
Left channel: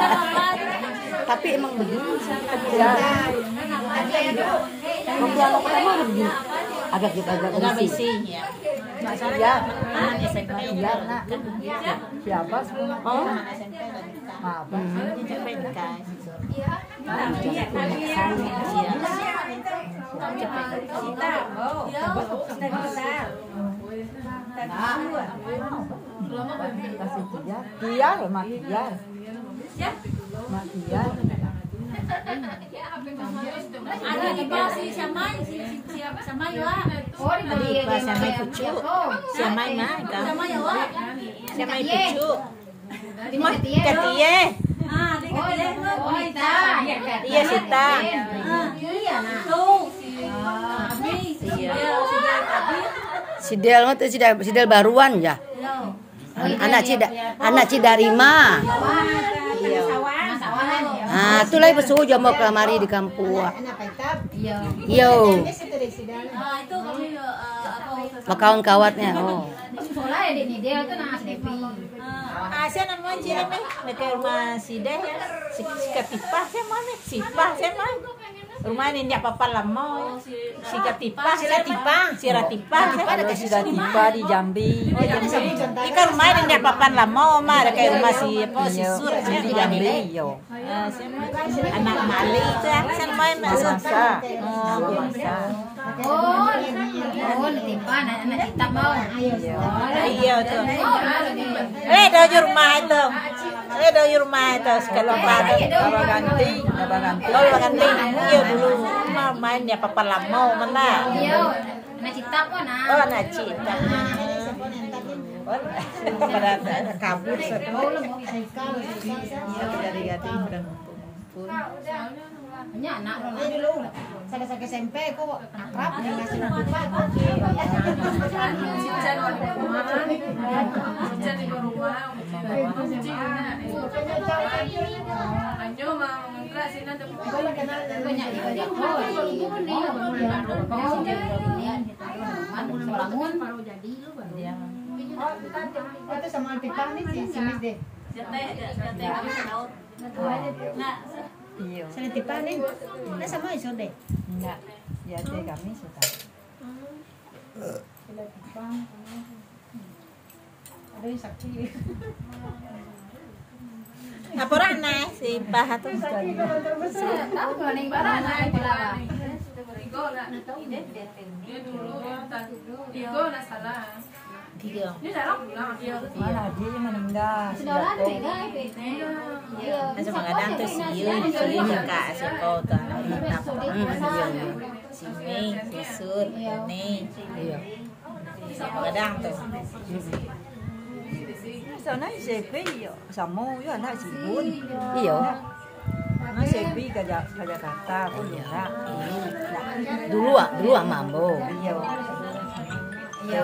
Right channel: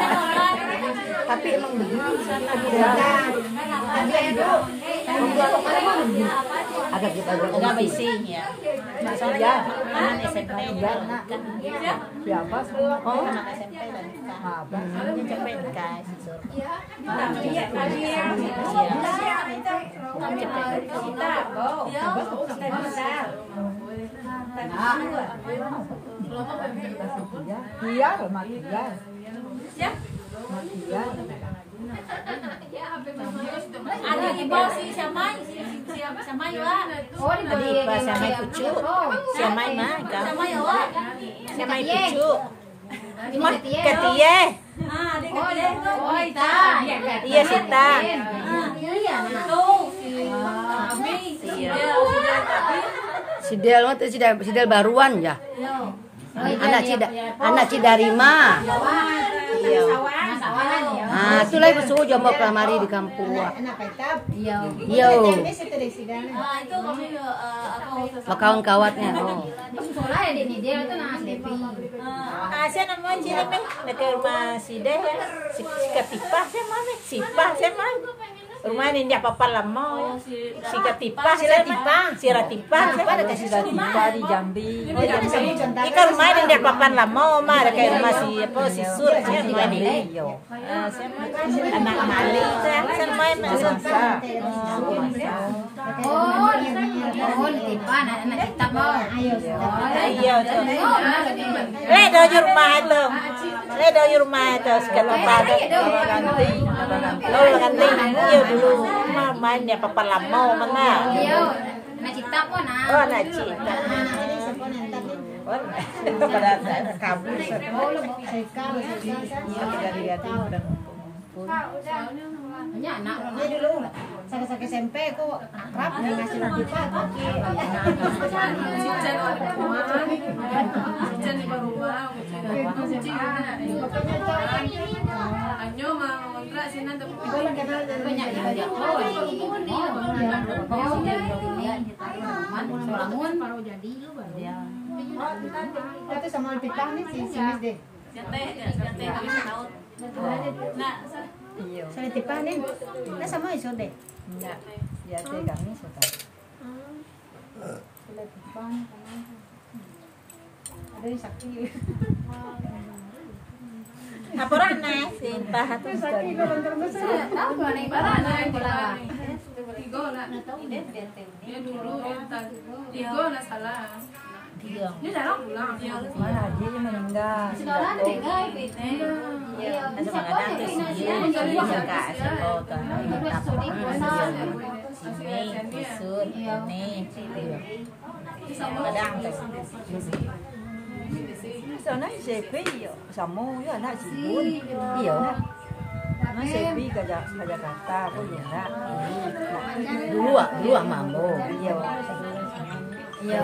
Tapi emang begini agak Agak basic ya. Soalnya anak SMP juga kan. siapa? Anak SMP dan nikah. Dia cepet nikah. Iya loh mati dia Ada di bawah si Samai, siapa Samai ya? Oh di Pas Samai pucu, Samai mah kan? Samai pucu, mah ketie. Oh Ita. Iya Sita. Iya nah. Tuh. Sidel mah tuh sidel baruan ya. Anak Cidarima. Iya. Nah, itu lagi besuh jomblo kamari di kampung. Iya. Yo. Itu kami apa? Kawan-kawannya. Oh. Sekolah ya di dia itu nah Devi. Asia nama Cileme, dekat rumah si Deh ya. Si Ketipah saya mana? Sipah saya mana? Rumah ini dia papan lama. Si Ratipa. Ada kasih Ratipa di Jambi. Oh, Jambi. Ikan rumah ini dia papan lama, ada kayak rumah si Sur rumah ini. Anak Mali itu kan main masuk. Oh, Ratipa anak kita mau. Iya tuh. Dari rumah itu. Dari rumah itu sekitar pada ganti. Ganti. Iya dulu main dia papan lama mana. Iya, anak cita pun nah. Oh, anak cita. Pada kabur setelah dari yatim dan Hanya anak lo Iya dulu, sakit-sakit SMP kok akrab nih ngasih Ratipa kok. Itu sama Ratipa nih si Miss deh. Iya. Sa Ratipa nih, nasa mo iso deh. Enggak. Ya dia kami sudah. Ratipa, ada yang sakit. Apuran na si Pahat. Sakit ko bentar besar. tahu mana yang mana yang bola. Mana Haji meninggal. Sekolah nih guys. Nasa mga dato si Yun, ka si Kota. Si May, si Sur, May. Kadang to. Sana sepi yo, samo yo anak sibun. Iya. Nah sepi ke Jakarta pun ya. Dulu mambo. Iya. Iya.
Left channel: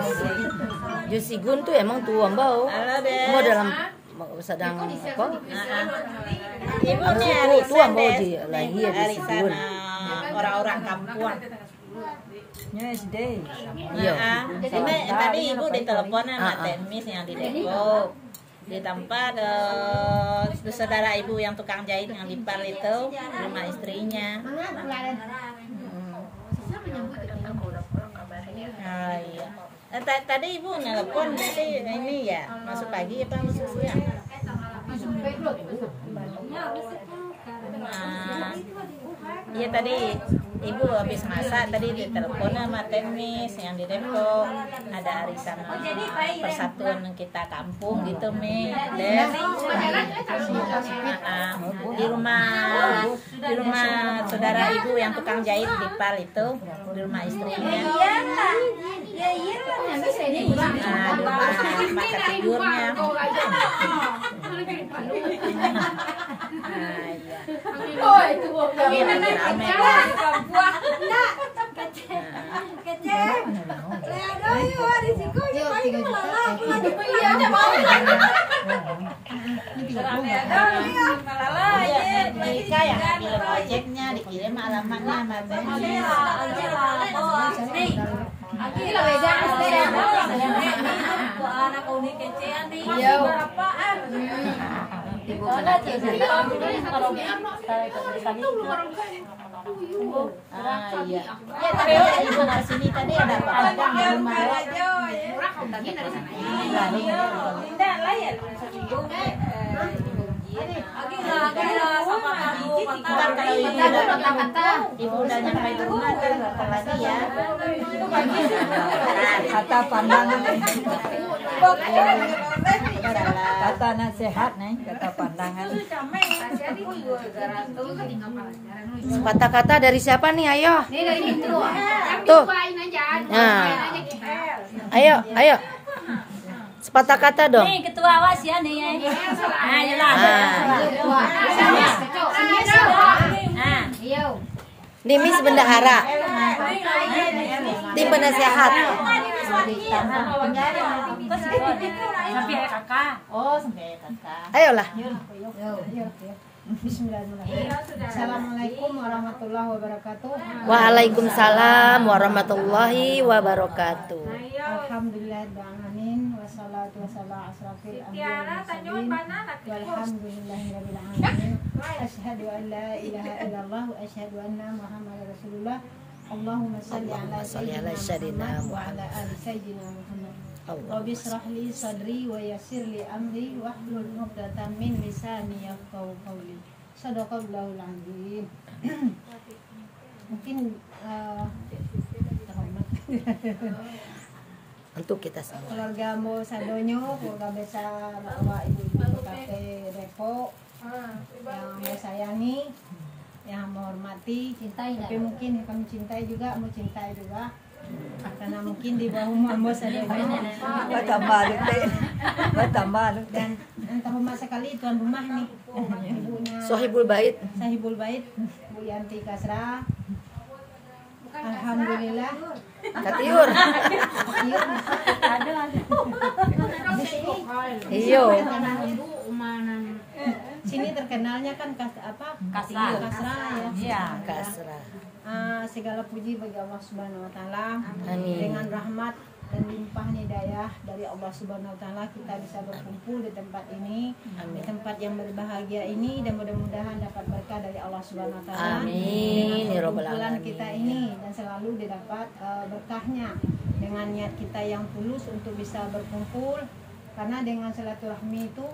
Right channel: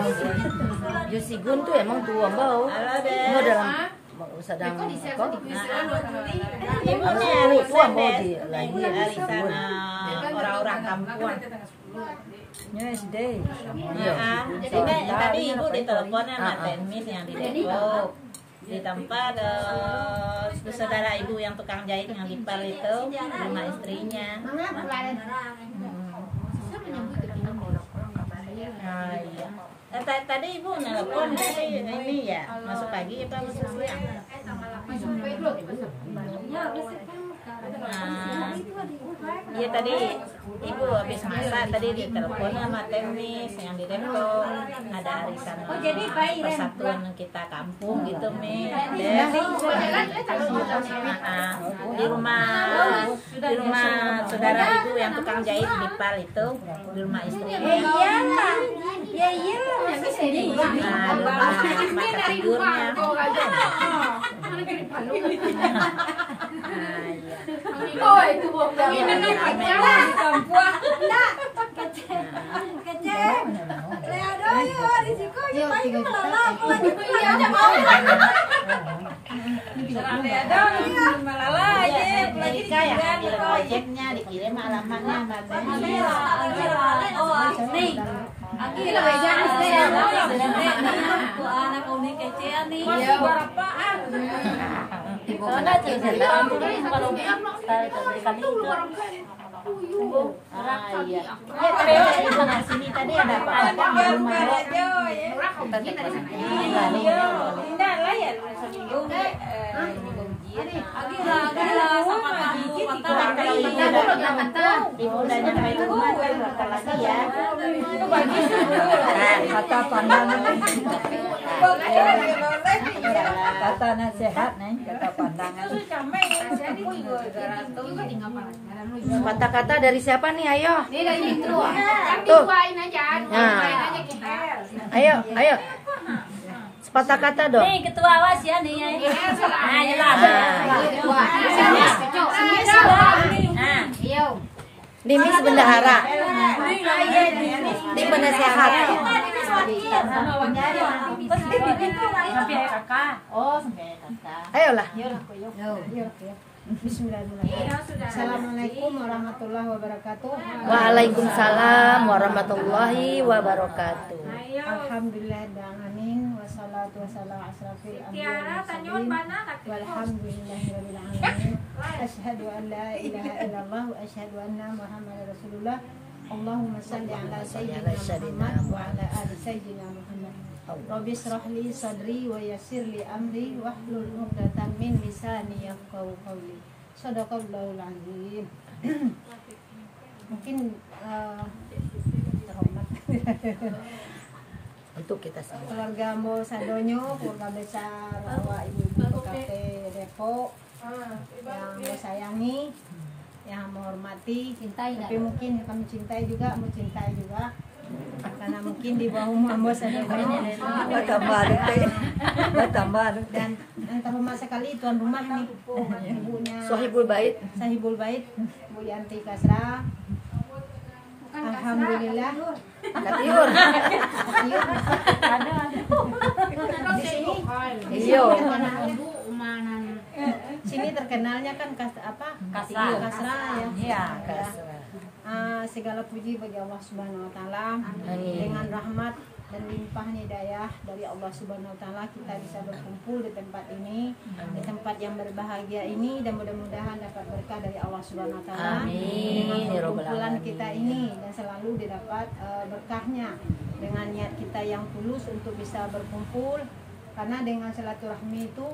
Jusigun tuh emang tua mbau. Halo deh. Mau dalam sedang apa? Ibunya Tua arisan mbau deh. di lagi ya Arisan Jusigun. orang-orang kampung. Ya SD. Iya. Ini tadi ibu ditelepon sama Temis yang di Depok. Di tempat saudara ibu yang tukang jahit yang di Pal itu, rumah istrinya. Ah, iya. Tadi ibu nelpon tadi ini ya masuk pagi apa masuk siang? Nah, iya tadi ibu habis masak tadi ditelepon sama Temis yang di Depok ada arisan persatuan kita kampung gitu Mi. Di rumah saudara ibu yang tukang jahit di Pal itu di rumah istrinya. Masa tidurnya. Oh itu bukan. Ini nih pacaran. Ojeknya dikirim alamatnya Ini lah beda ya. Anak unik kece nih. Iya. Iya. Tadi ibu sini tadi ada apa-apa di rumah. Ibu udah nyampe rumah dia berapa lagi ya? Kata pandangan. Kata nasihat nih, kata pandangan. Kata-kata dari siapa nih? Ayo. Ini dari itu. Tuh. Buain aja. Nah. Ayo. Sepatah kata dong. Nih ketua awas ya nih. Ah, jelas. Nah, Dimis bendahara. Di penasehat. Sampai kakak. Oh, sampai kakak. Ayolah. Bismillahirrahmanirrahim. Assalamualaikum warahmatullahi wabarakatuh. Waalaikumsalam warahmatullahi wabarakatuh. Alhamdulillahirrahmanirrahim. Wassalatu wassalamu asrafil anbiya'i wal mursalin. Walhamdulillahirabbil alamin. Asyhadu an la ilaha illallah wa asyhadu anna Muhammadar Rasulullah. Allahumma shalli ala sayyidina Muhammad wa ala ali sayyidina Muhammad. Rabbi shrah li sadri wa yassir li amri wahlul 'uqdatam min lisani yafqahu qawli. Shadaqallahul azim. Mungkin Untuk kita semua. Keluarga Mo Sadonyo, keluarga besar awak ibu-ibu PKP Depok yang mau sayangi, yang mau hormati, tapi mungkin kami cintai juga, mau cintai juga. Karena mungkin di bawah Mo Sadonyo dan entah rumah sekali tuan rumah nih, ibunya Sohibul Bait, Bu Yanti Kasra. Alhamdulillah. Katiur. Ada. Di sini. Iyo. Sini terkenalnya kan Kasra ya. Iya. Segala puji bagi Allah Subhanahu wa taala. Dengan rahmat dan limpahnya hidayah dari Allah Subhanahu wa taala kita bisa berkumpul di tempat ini, di tempat yang berbahagia ini, dan mudah-mudahan dapat berkah dari Allah Subhanahu wa taala. Dengan perkumpulan kita ini dan selalu didapat berkahnya dengan niat kita yang tulus untuk bisa berkumpul, karena dengan silaturahmi itu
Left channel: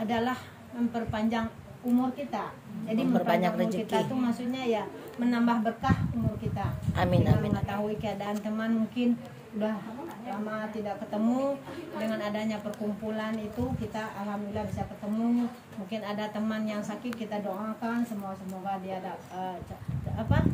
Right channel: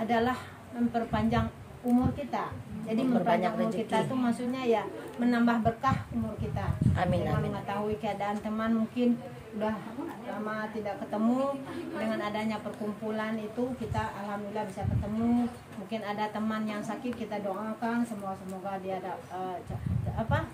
adalah memperpanjang umur kita. Jadi memperpanjang umur kita itu maksudnya ya menambah berkah umur kita. Amin. Dengan mengetahui keadaan teman mungkin udah lama tidak ketemu, dengan adanya perkumpulan itu kita alhamdulillah bisa ketemu. Mungkin ada teman yang sakit, kita doakan semoga dia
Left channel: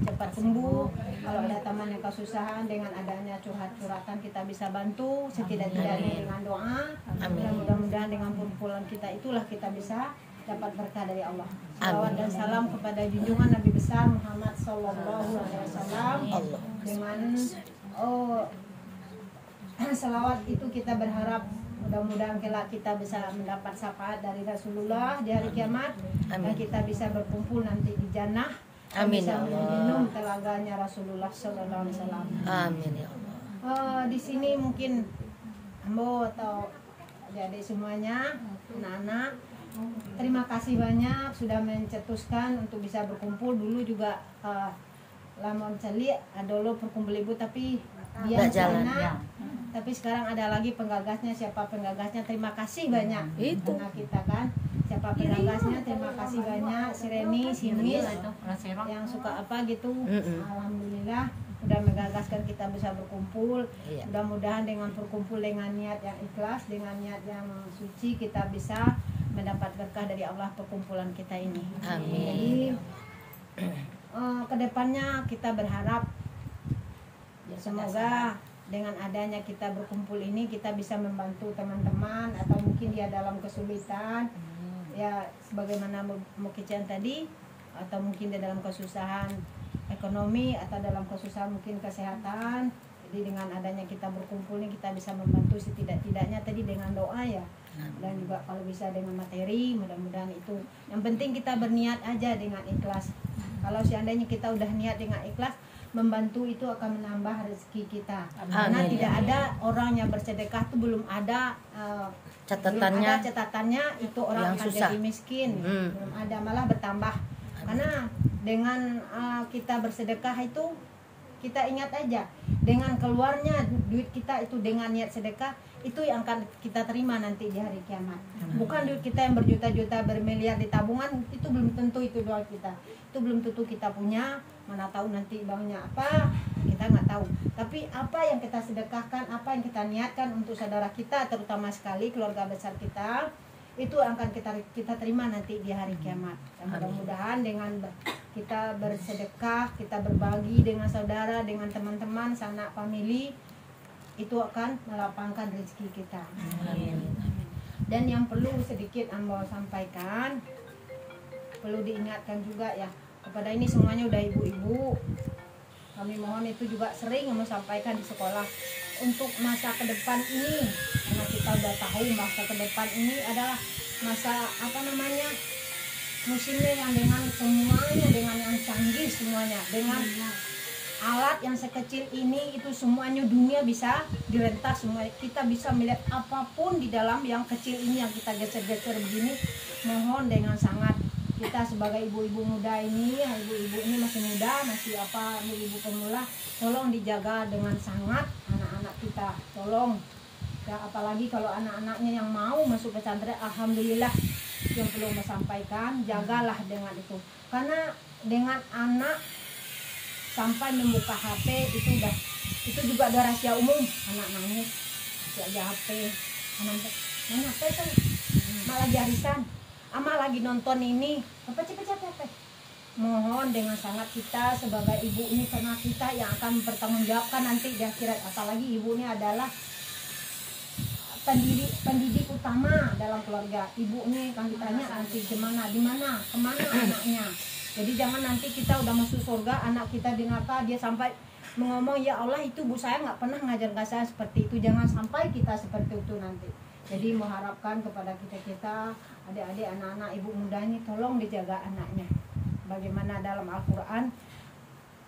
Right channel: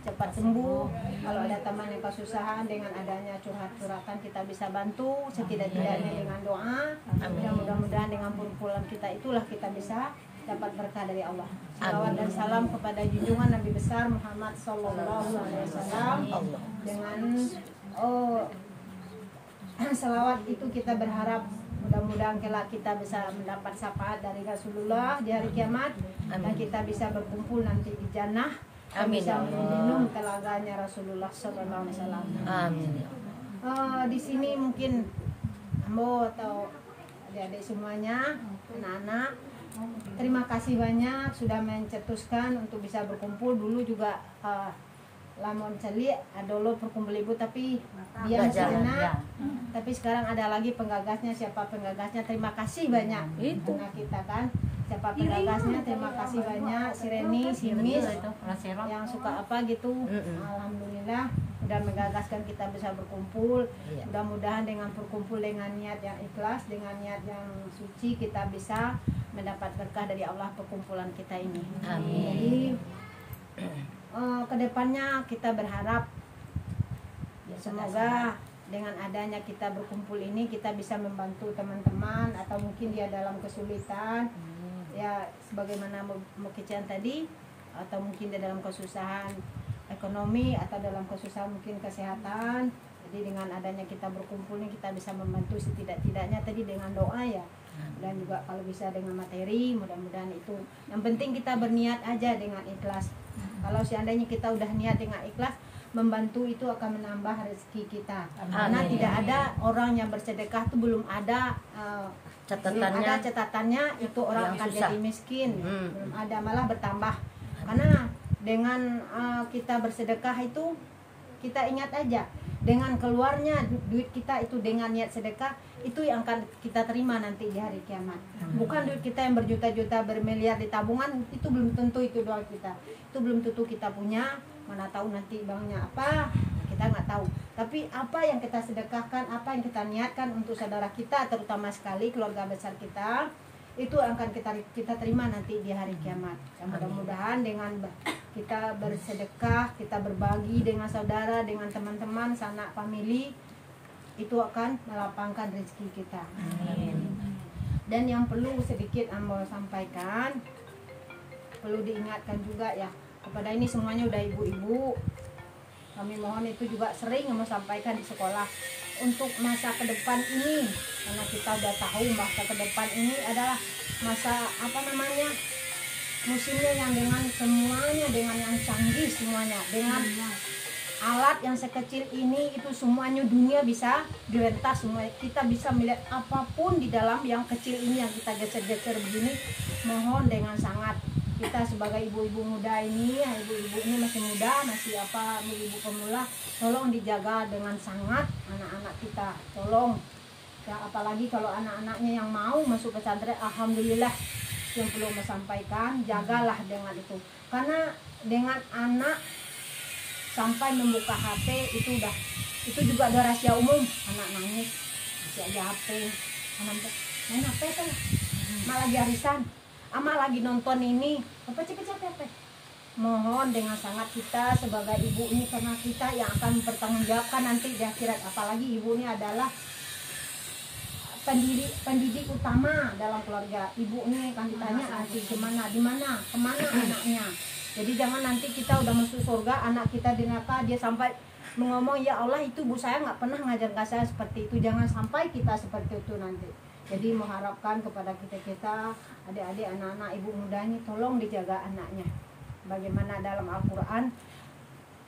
cepat sembuh. Kalau ada teman yang kesusahan, dengan adanya curhat-curhatan kita bisa bantu setidak-tidaknya dengan doa. Dan mudah-mudahan dengan perkumpulan kita itulah kita bisa dapat berkah dari Allah. Salawat dan salam kepada junjungan Nabi besar Muhammad Sallallahu Alaihi Wasallam. Dengan salawat itu kita berharap mudah-mudahan kelak kita bisa mendapat syafaat dari Rasulullah di hari kiamat. Dan kita bisa berkumpul nanti di jannah. Amin. Bisa meminum telaganya Rasulullah Sallallahu Alaihi Wasallam. Amin. Di sini mungkin Ambo atau adik-adik semuanya, anak-anak, terima kasih banyak sudah mencetuskan untuk bisa berkumpul. Dulu juga lamun celi adolo perkumpul ibu, tapi dia sana. Tapi sekarang ada lagi penggagasnya. Siapa penggagasnya? Terima kasih banyak. Itu nah kita kan. Siapa penggagasnya? Terima kasih banyak. Si Reni, si Miss yang suka apa gitu. Alhamdulillah sudah menggagaskan kita bisa berkumpul. Mudah-mudahan dengan berkumpul dengan niat yang ikhlas, dengan niat yang suci, kita bisa mendapat berkah dari Allah perkumpulan kita ini. Amin. Jadi kedepannya kita berharap semoga dengan adanya kita berkumpul ini kita bisa membantu teman-teman atau mungkin dia dalam kesulitan ya sebagaimana Mukician tadi, atau mungkin dia dalam kesusahan ekonomi atau dalam kesusahan mungkin kesehatan. Jadi dengan adanya kita berkumpul ini kita bisa membantu setidak-tidaknya tadi dengan doa ya, dan juga kalau bisa dengan materi. Mudah-mudahan itu yang penting kita berniat aja dengan ikhlas. Kalau seandainya kita udah niat dengan ikhlas, membantu itu akan menambah rezeki kita. Karena tidak ada orang yang bersedekah itu belum ada catatannya itu orang akan jadi miskin. Belum ada, malah bertambah. Karena dengan kita bersedekah itu kita ingat aja, dengan keluarnya duit kita itu dengan niat sedekah itu yang akan kita terima nanti di hari kiamat. Bukan duit kita yang berjuta-juta bermiliar di tabungan, itu belum tentu itu doa kita. Itu belum tentu kita punya, mana tahu nanti banknya apa, kita nggak tahu. Tapi apa yang kita sedekahkan, apa yang kita niatkan untuk saudara kita, terutama sekali keluarga besar kita, itu akan kita terima nanti di hari kiamat. Mudah-mudahan dengan kita bersedekah, kita berbagi dengan saudara, dengan teman-teman, sanak famili, itu akan melapangkan rezeki kita. Dan yang perlu sedikit Ambo sampaikan, perlu diingatkan juga ya, kepada ini semuanya udah ibu-ibu, Kami mohon itu juga sering mau sampaikan di sekolah untuk masa ke depan ini, karena kita udah tahu masa ke depan ini adalah masa musimnya yang dengan semuanya, dengan yang canggih semuanya, dengan alat yang sekecil ini itu semuanya dunia bisa direntas semua. Kita bisa melihat apapun di dalam yang kecil ini yang kita geser-geser begini. Mohon dengan sangat kita sebagai ibu-ibu muda ini, ibu-ibu ini masih muda, masih ibu pemula, tolong dijaga dengan sangat anak-anak kita. Tolong ya, apalagi kalau anak-anaknya yang mau masuk pesantren, alhamdulillah. Yang perlu menyampaikan, jagalah dengan itu, karena dengan anak sampai membuka HP itu juga ada rahasia umum. Anak nangis masih aja HP, main HP saya, mak lagi arisan, ama lagi nonton ini, apa cepet. Mohon dengan sangat kita sebagai ibu ini, karena kita yang akan mempertanggungjawabkan nanti di akhirat. Apalagi ibu ini adalah pendidik utama dalam keluarga. Ibu ini akan ditanya nanti kemana anaknya. Jadi jangan nanti kita udah masuk surga, anak kita di neraka, dia sampai mengomong, ya Allah itu bu saya nggak pernah ngajarkan saya seperti itu. Jangan sampai kita seperti itu nanti. Jadi mengharapkan kepada kita adik-adik, anak-anak, ibu muda ini, tolong dijaga anaknya. Bagaimana dalam Al-Quran,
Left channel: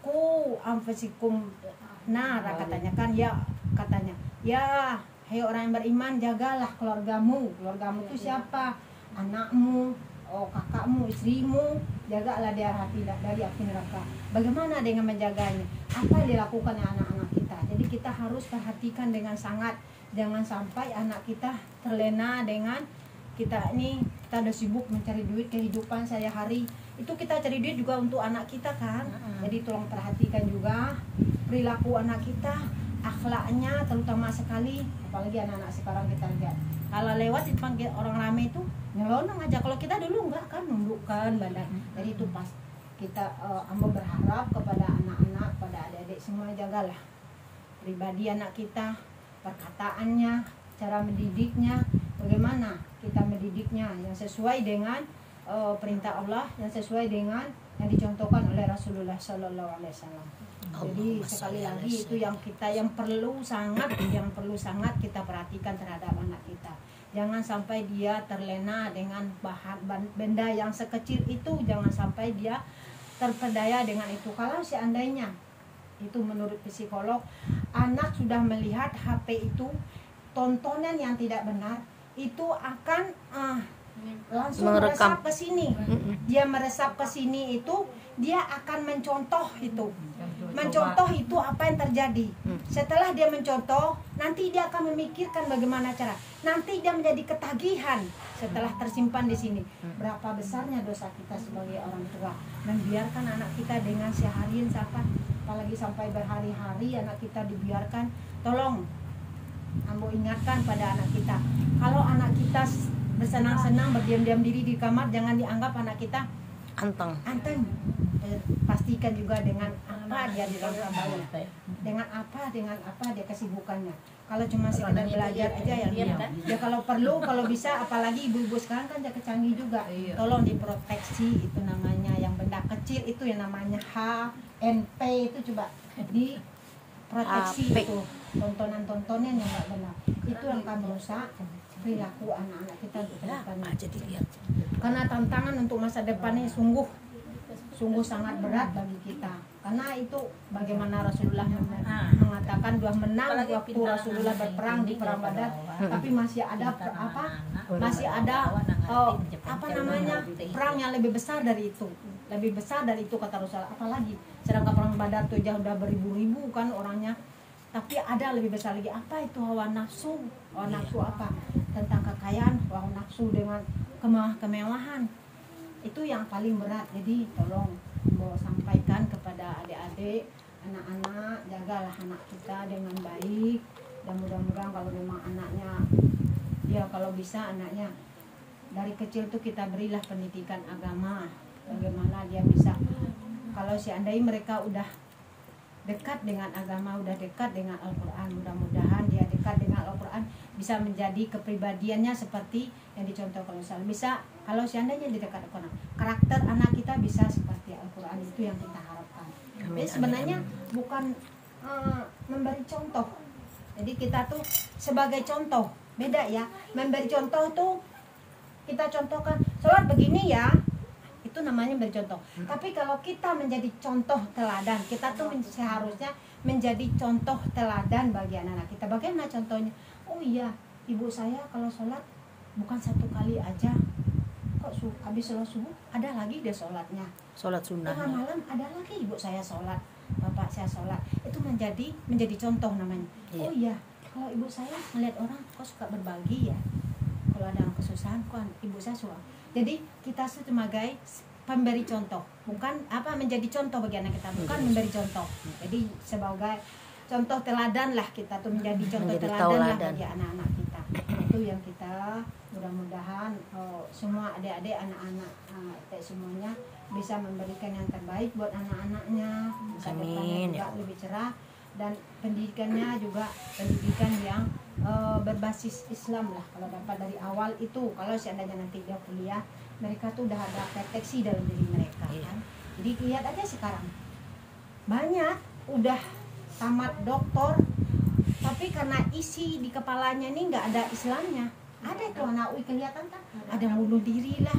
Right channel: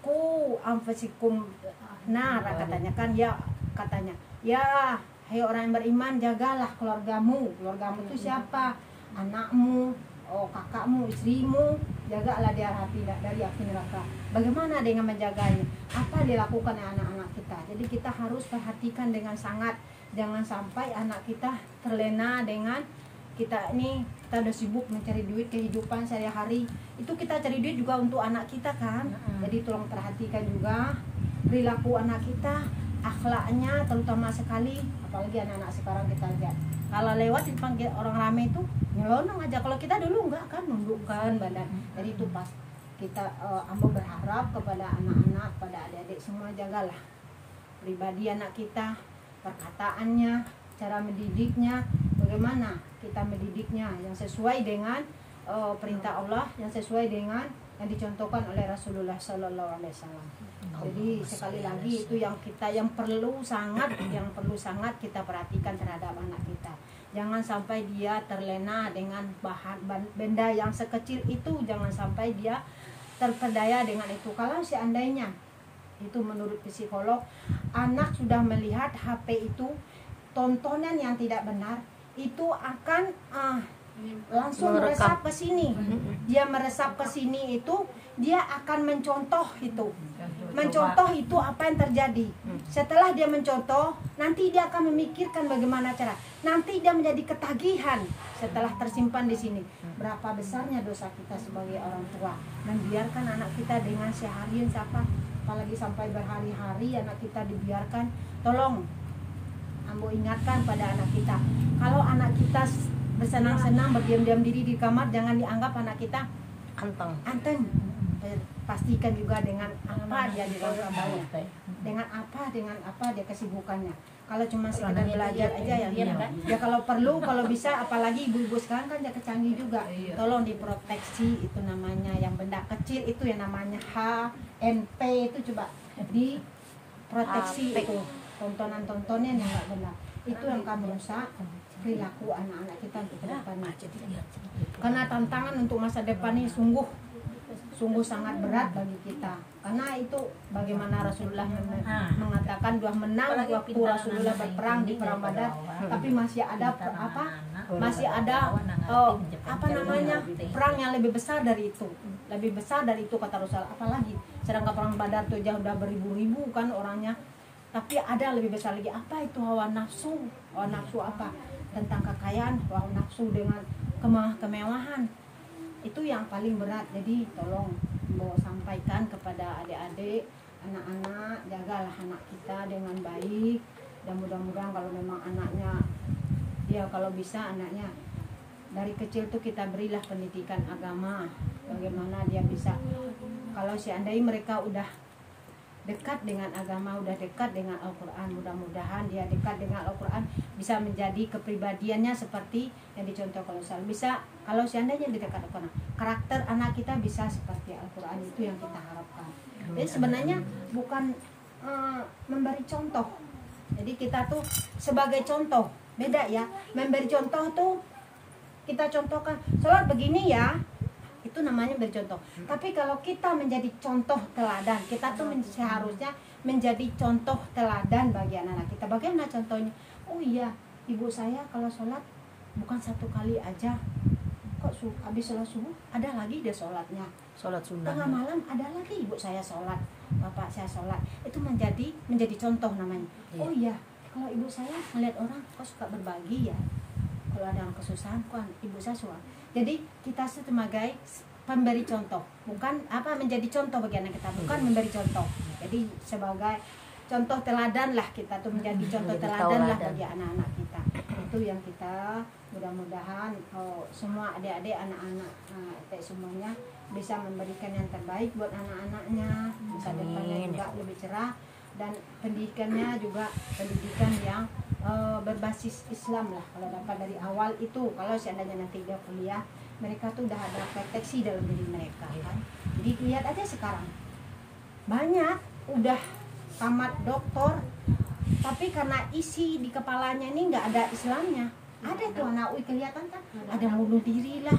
ku anfusikum nara, katanya kan, ya hai orang yang beriman, jagalah keluargamu. Keluargamu itu siapa? Anakmu, kakakmu, istrimu, jagalah dari api neraka. Bagaimana dengan menjaganya? Apa dilakukan anak-anak kita? Jadi kita harus perhatikan dengan sangat. Jangan sampai anak kita terlena dengan kita udah sibuk mencari duit, kehidupan sehari-hari. Itu kita cari duit juga untuk anak kita kan. Jadi tolong perhatikan juga perilaku anak kita, akhlaknya terutama sekali. Apalagi anak-anak sekarang kita lihat, kalau lewat dipanggil orang ramai itu nyelonong aja. Kalau kita dulu enggak kan, nundukkan badan. Jadi itu pas kita ambo berharap kepada anak-anak, pada adik-adik semua, jagalah pribadi anak kita, perkataannya, cara mendidiknya, bagaimana kita mendidiknya yang sesuai dengan perintah Allah, yang sesuai dengan yang dicontohkan oleh Rasulullah Sallallahu Alaihi Wasallam. Jadi sekali lagi itu yang perlu sangat kita perhatikan terhadap anak kita. Jangan sampai dia terlena dengan benda yang sekecil itu, jangan sampai dia terpedaya dengan itu. Kalau seandainya itu menurut psikolog, anak sudah melihat HP itu tontonan yang tidak benar, itu akan langsung meresap ke sini. Dia meresap ke sini itu, dia akan mencontoh itu. Mencontoh itu apa yang terjadi. Setelah dia mencontoh, nanti dia akan memikirkan bagaimana cara. Nanti dia menjadi ketagihan setelah tersimpan di sini. Berapa besarnya dosa kita sebagai orang tua membiarkan anak kita dengan seharian siapa, apalagi sampai berhari-hari anak kita dibiarkan. Tolong ambo ingatkan pada anak kita, kalau anak kita bersenang-senang berdiam-diam diri di kamar, jangan dianggap anak kita anteng. Pastikan juga dengan apa dia dilakukan, dengan apa dia kesibukannya. Kalau cuma sekedar belajar aja ya kalau perlu, kalau bisa, apalagi ibu-ibu sekarang kan ya kecanggih juga, tolong diproteksi. Itu namanya yang benda kecil itu yang namanya HNP itu coba diproteksi. Itu tontonan-tontonan yang nggak benar, itu yang akan merusak perilaku anak-anak kita untuk ke depannya. Karena tantangan untuk masa depannya sungguh sangat berat bagi kita. Karena itu bagaimana Rasulullah mengatakan dua menang waktu Rasulullah berperang di perang Badar, tapi masih ada perang yang lebih besar dari itu, kata Rasulullah. Apalagi sedangkan perang Badar itu jauh udah beribu-ribu kan orangnya, tapi ada lebih besar lagi. Apa itu hawa nafsu apa? Tentang kekayaan, hawa nafsu dengan kemewahan. Itu yang paling berat. Jadi tolong mau sampaikan kepada adik-adik, anak-anak, jagalah anak kita dengan baik. Dan mudah-mudahan kalau memang anaknya, ya kalau bisa anaknya dari kecil tuh kita berilah pendidikan agama, bagaimana dia bisa, kalau seandainya mereka udah dekat dengan agama, udah dekat dengan Al-Quran. Mudah-mudahan dia dekat dengan Al-Quran, bisa menjadi kepribadiannya seperti yang dicontohkan Ustaz. Bisa kalau seandainya di dekat Al-Quran, karakter anak kita bisa seperti Al-Quran, itu yang kita harapkan. Jadi sebenarnya bukan memberi contoh. Jadi kita tuh sebagai contoh, beda ya. Memberi contoh tuh kita contohkan, sholat begini ya, itu namanya bercontoh. Tapi kalau kita menjadi contoh teladan, kita tuh seharusnya menjadi contoh teladan bagi anak-anak kita. Bagaimana contohnya? Oh iya, ibu saya kalau sholat bukan 1 kali aja, kok habis sholat subuh ada lagi dia sholatnya, sholat sunnah. Tengah malam ada lagi ibu saya sholat, bapak saya sholat. Itu menjadi contoh namanya. Iya. Oh iya, kalau ibu saya melihat orang kok suka berbagi ya, kalau ada yang kesusahan kok ibu saya suka. Jadi kita sebagai pemberi contoh, bukan menjadi contoh bagi anak kita, bukan memberi contoh. Jadi sebagai contoh teladan lah, kita tuh menjadi contoh teladan lah bagi anak-anak kita. Itu yang kita mudah-mudahan semua adik-adik, anak-anak semuanya bisa memberikan yang terbaik buat anak-anaknya, bisa depannya juga lebih cerah, dan pendidikannya juga pendidikan yang berbasis Islam lah. Kalau dapat dari awal itu, kalau seandainya nanti dia kuliah, mereka tuh udah ada proteksi dalam diri mereka kan. Jadi lihat aja sekarang banyak udah tamat doktor, tapi karena isi di kepalanya ini nggak ada Islamnya. Ada tuh anak kelihatan kan, ada bunuh diri lah,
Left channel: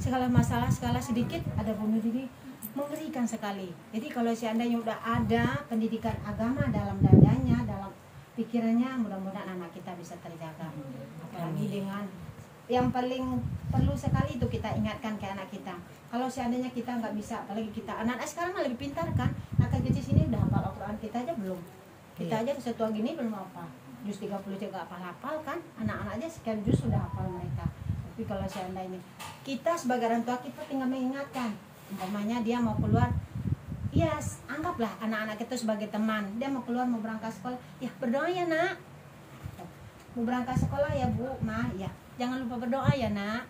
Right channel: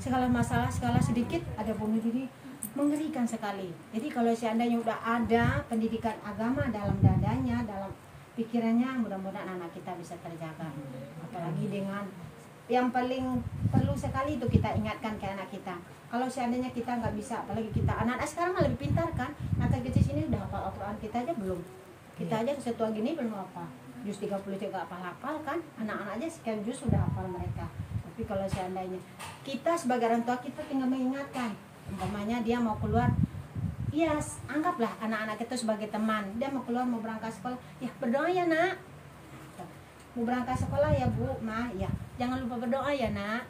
segala masalah segala sedikit ada bunuh diri, mengerikan sekali. Jadi kalau seandainya udah ada pendidikan agama dalam dadanya, dalam pikirannya, mudah-mudahan anak kita bisa terjaga. Apalagi dengan yang paling perlu sekali itu kita ingatkan ke anak kita. Kalau seandainya kita nggak bisa, apalagi kita anak-anak sekarang lebih pintar kan, anak kecil sini udah hafal Al-Quran, kita aja belum. Kita aja setua gini belum hafal. Juz 30 juga hafal kan, anak-anak aja sekian juz sudah hafal mereka. Tapi kalau seandainya kita sebagai orang tua, kita tinggal mengingatkan, umpamanya dia mau keluar, yes, anggaplah anak-anak kita sebagai teman. Dia mau keluar, mau berangkat sekolah, ya berdoa ya nak. Mau berangkat sekolah ya bu, ma, ya jangan lupa berdoa ya nak.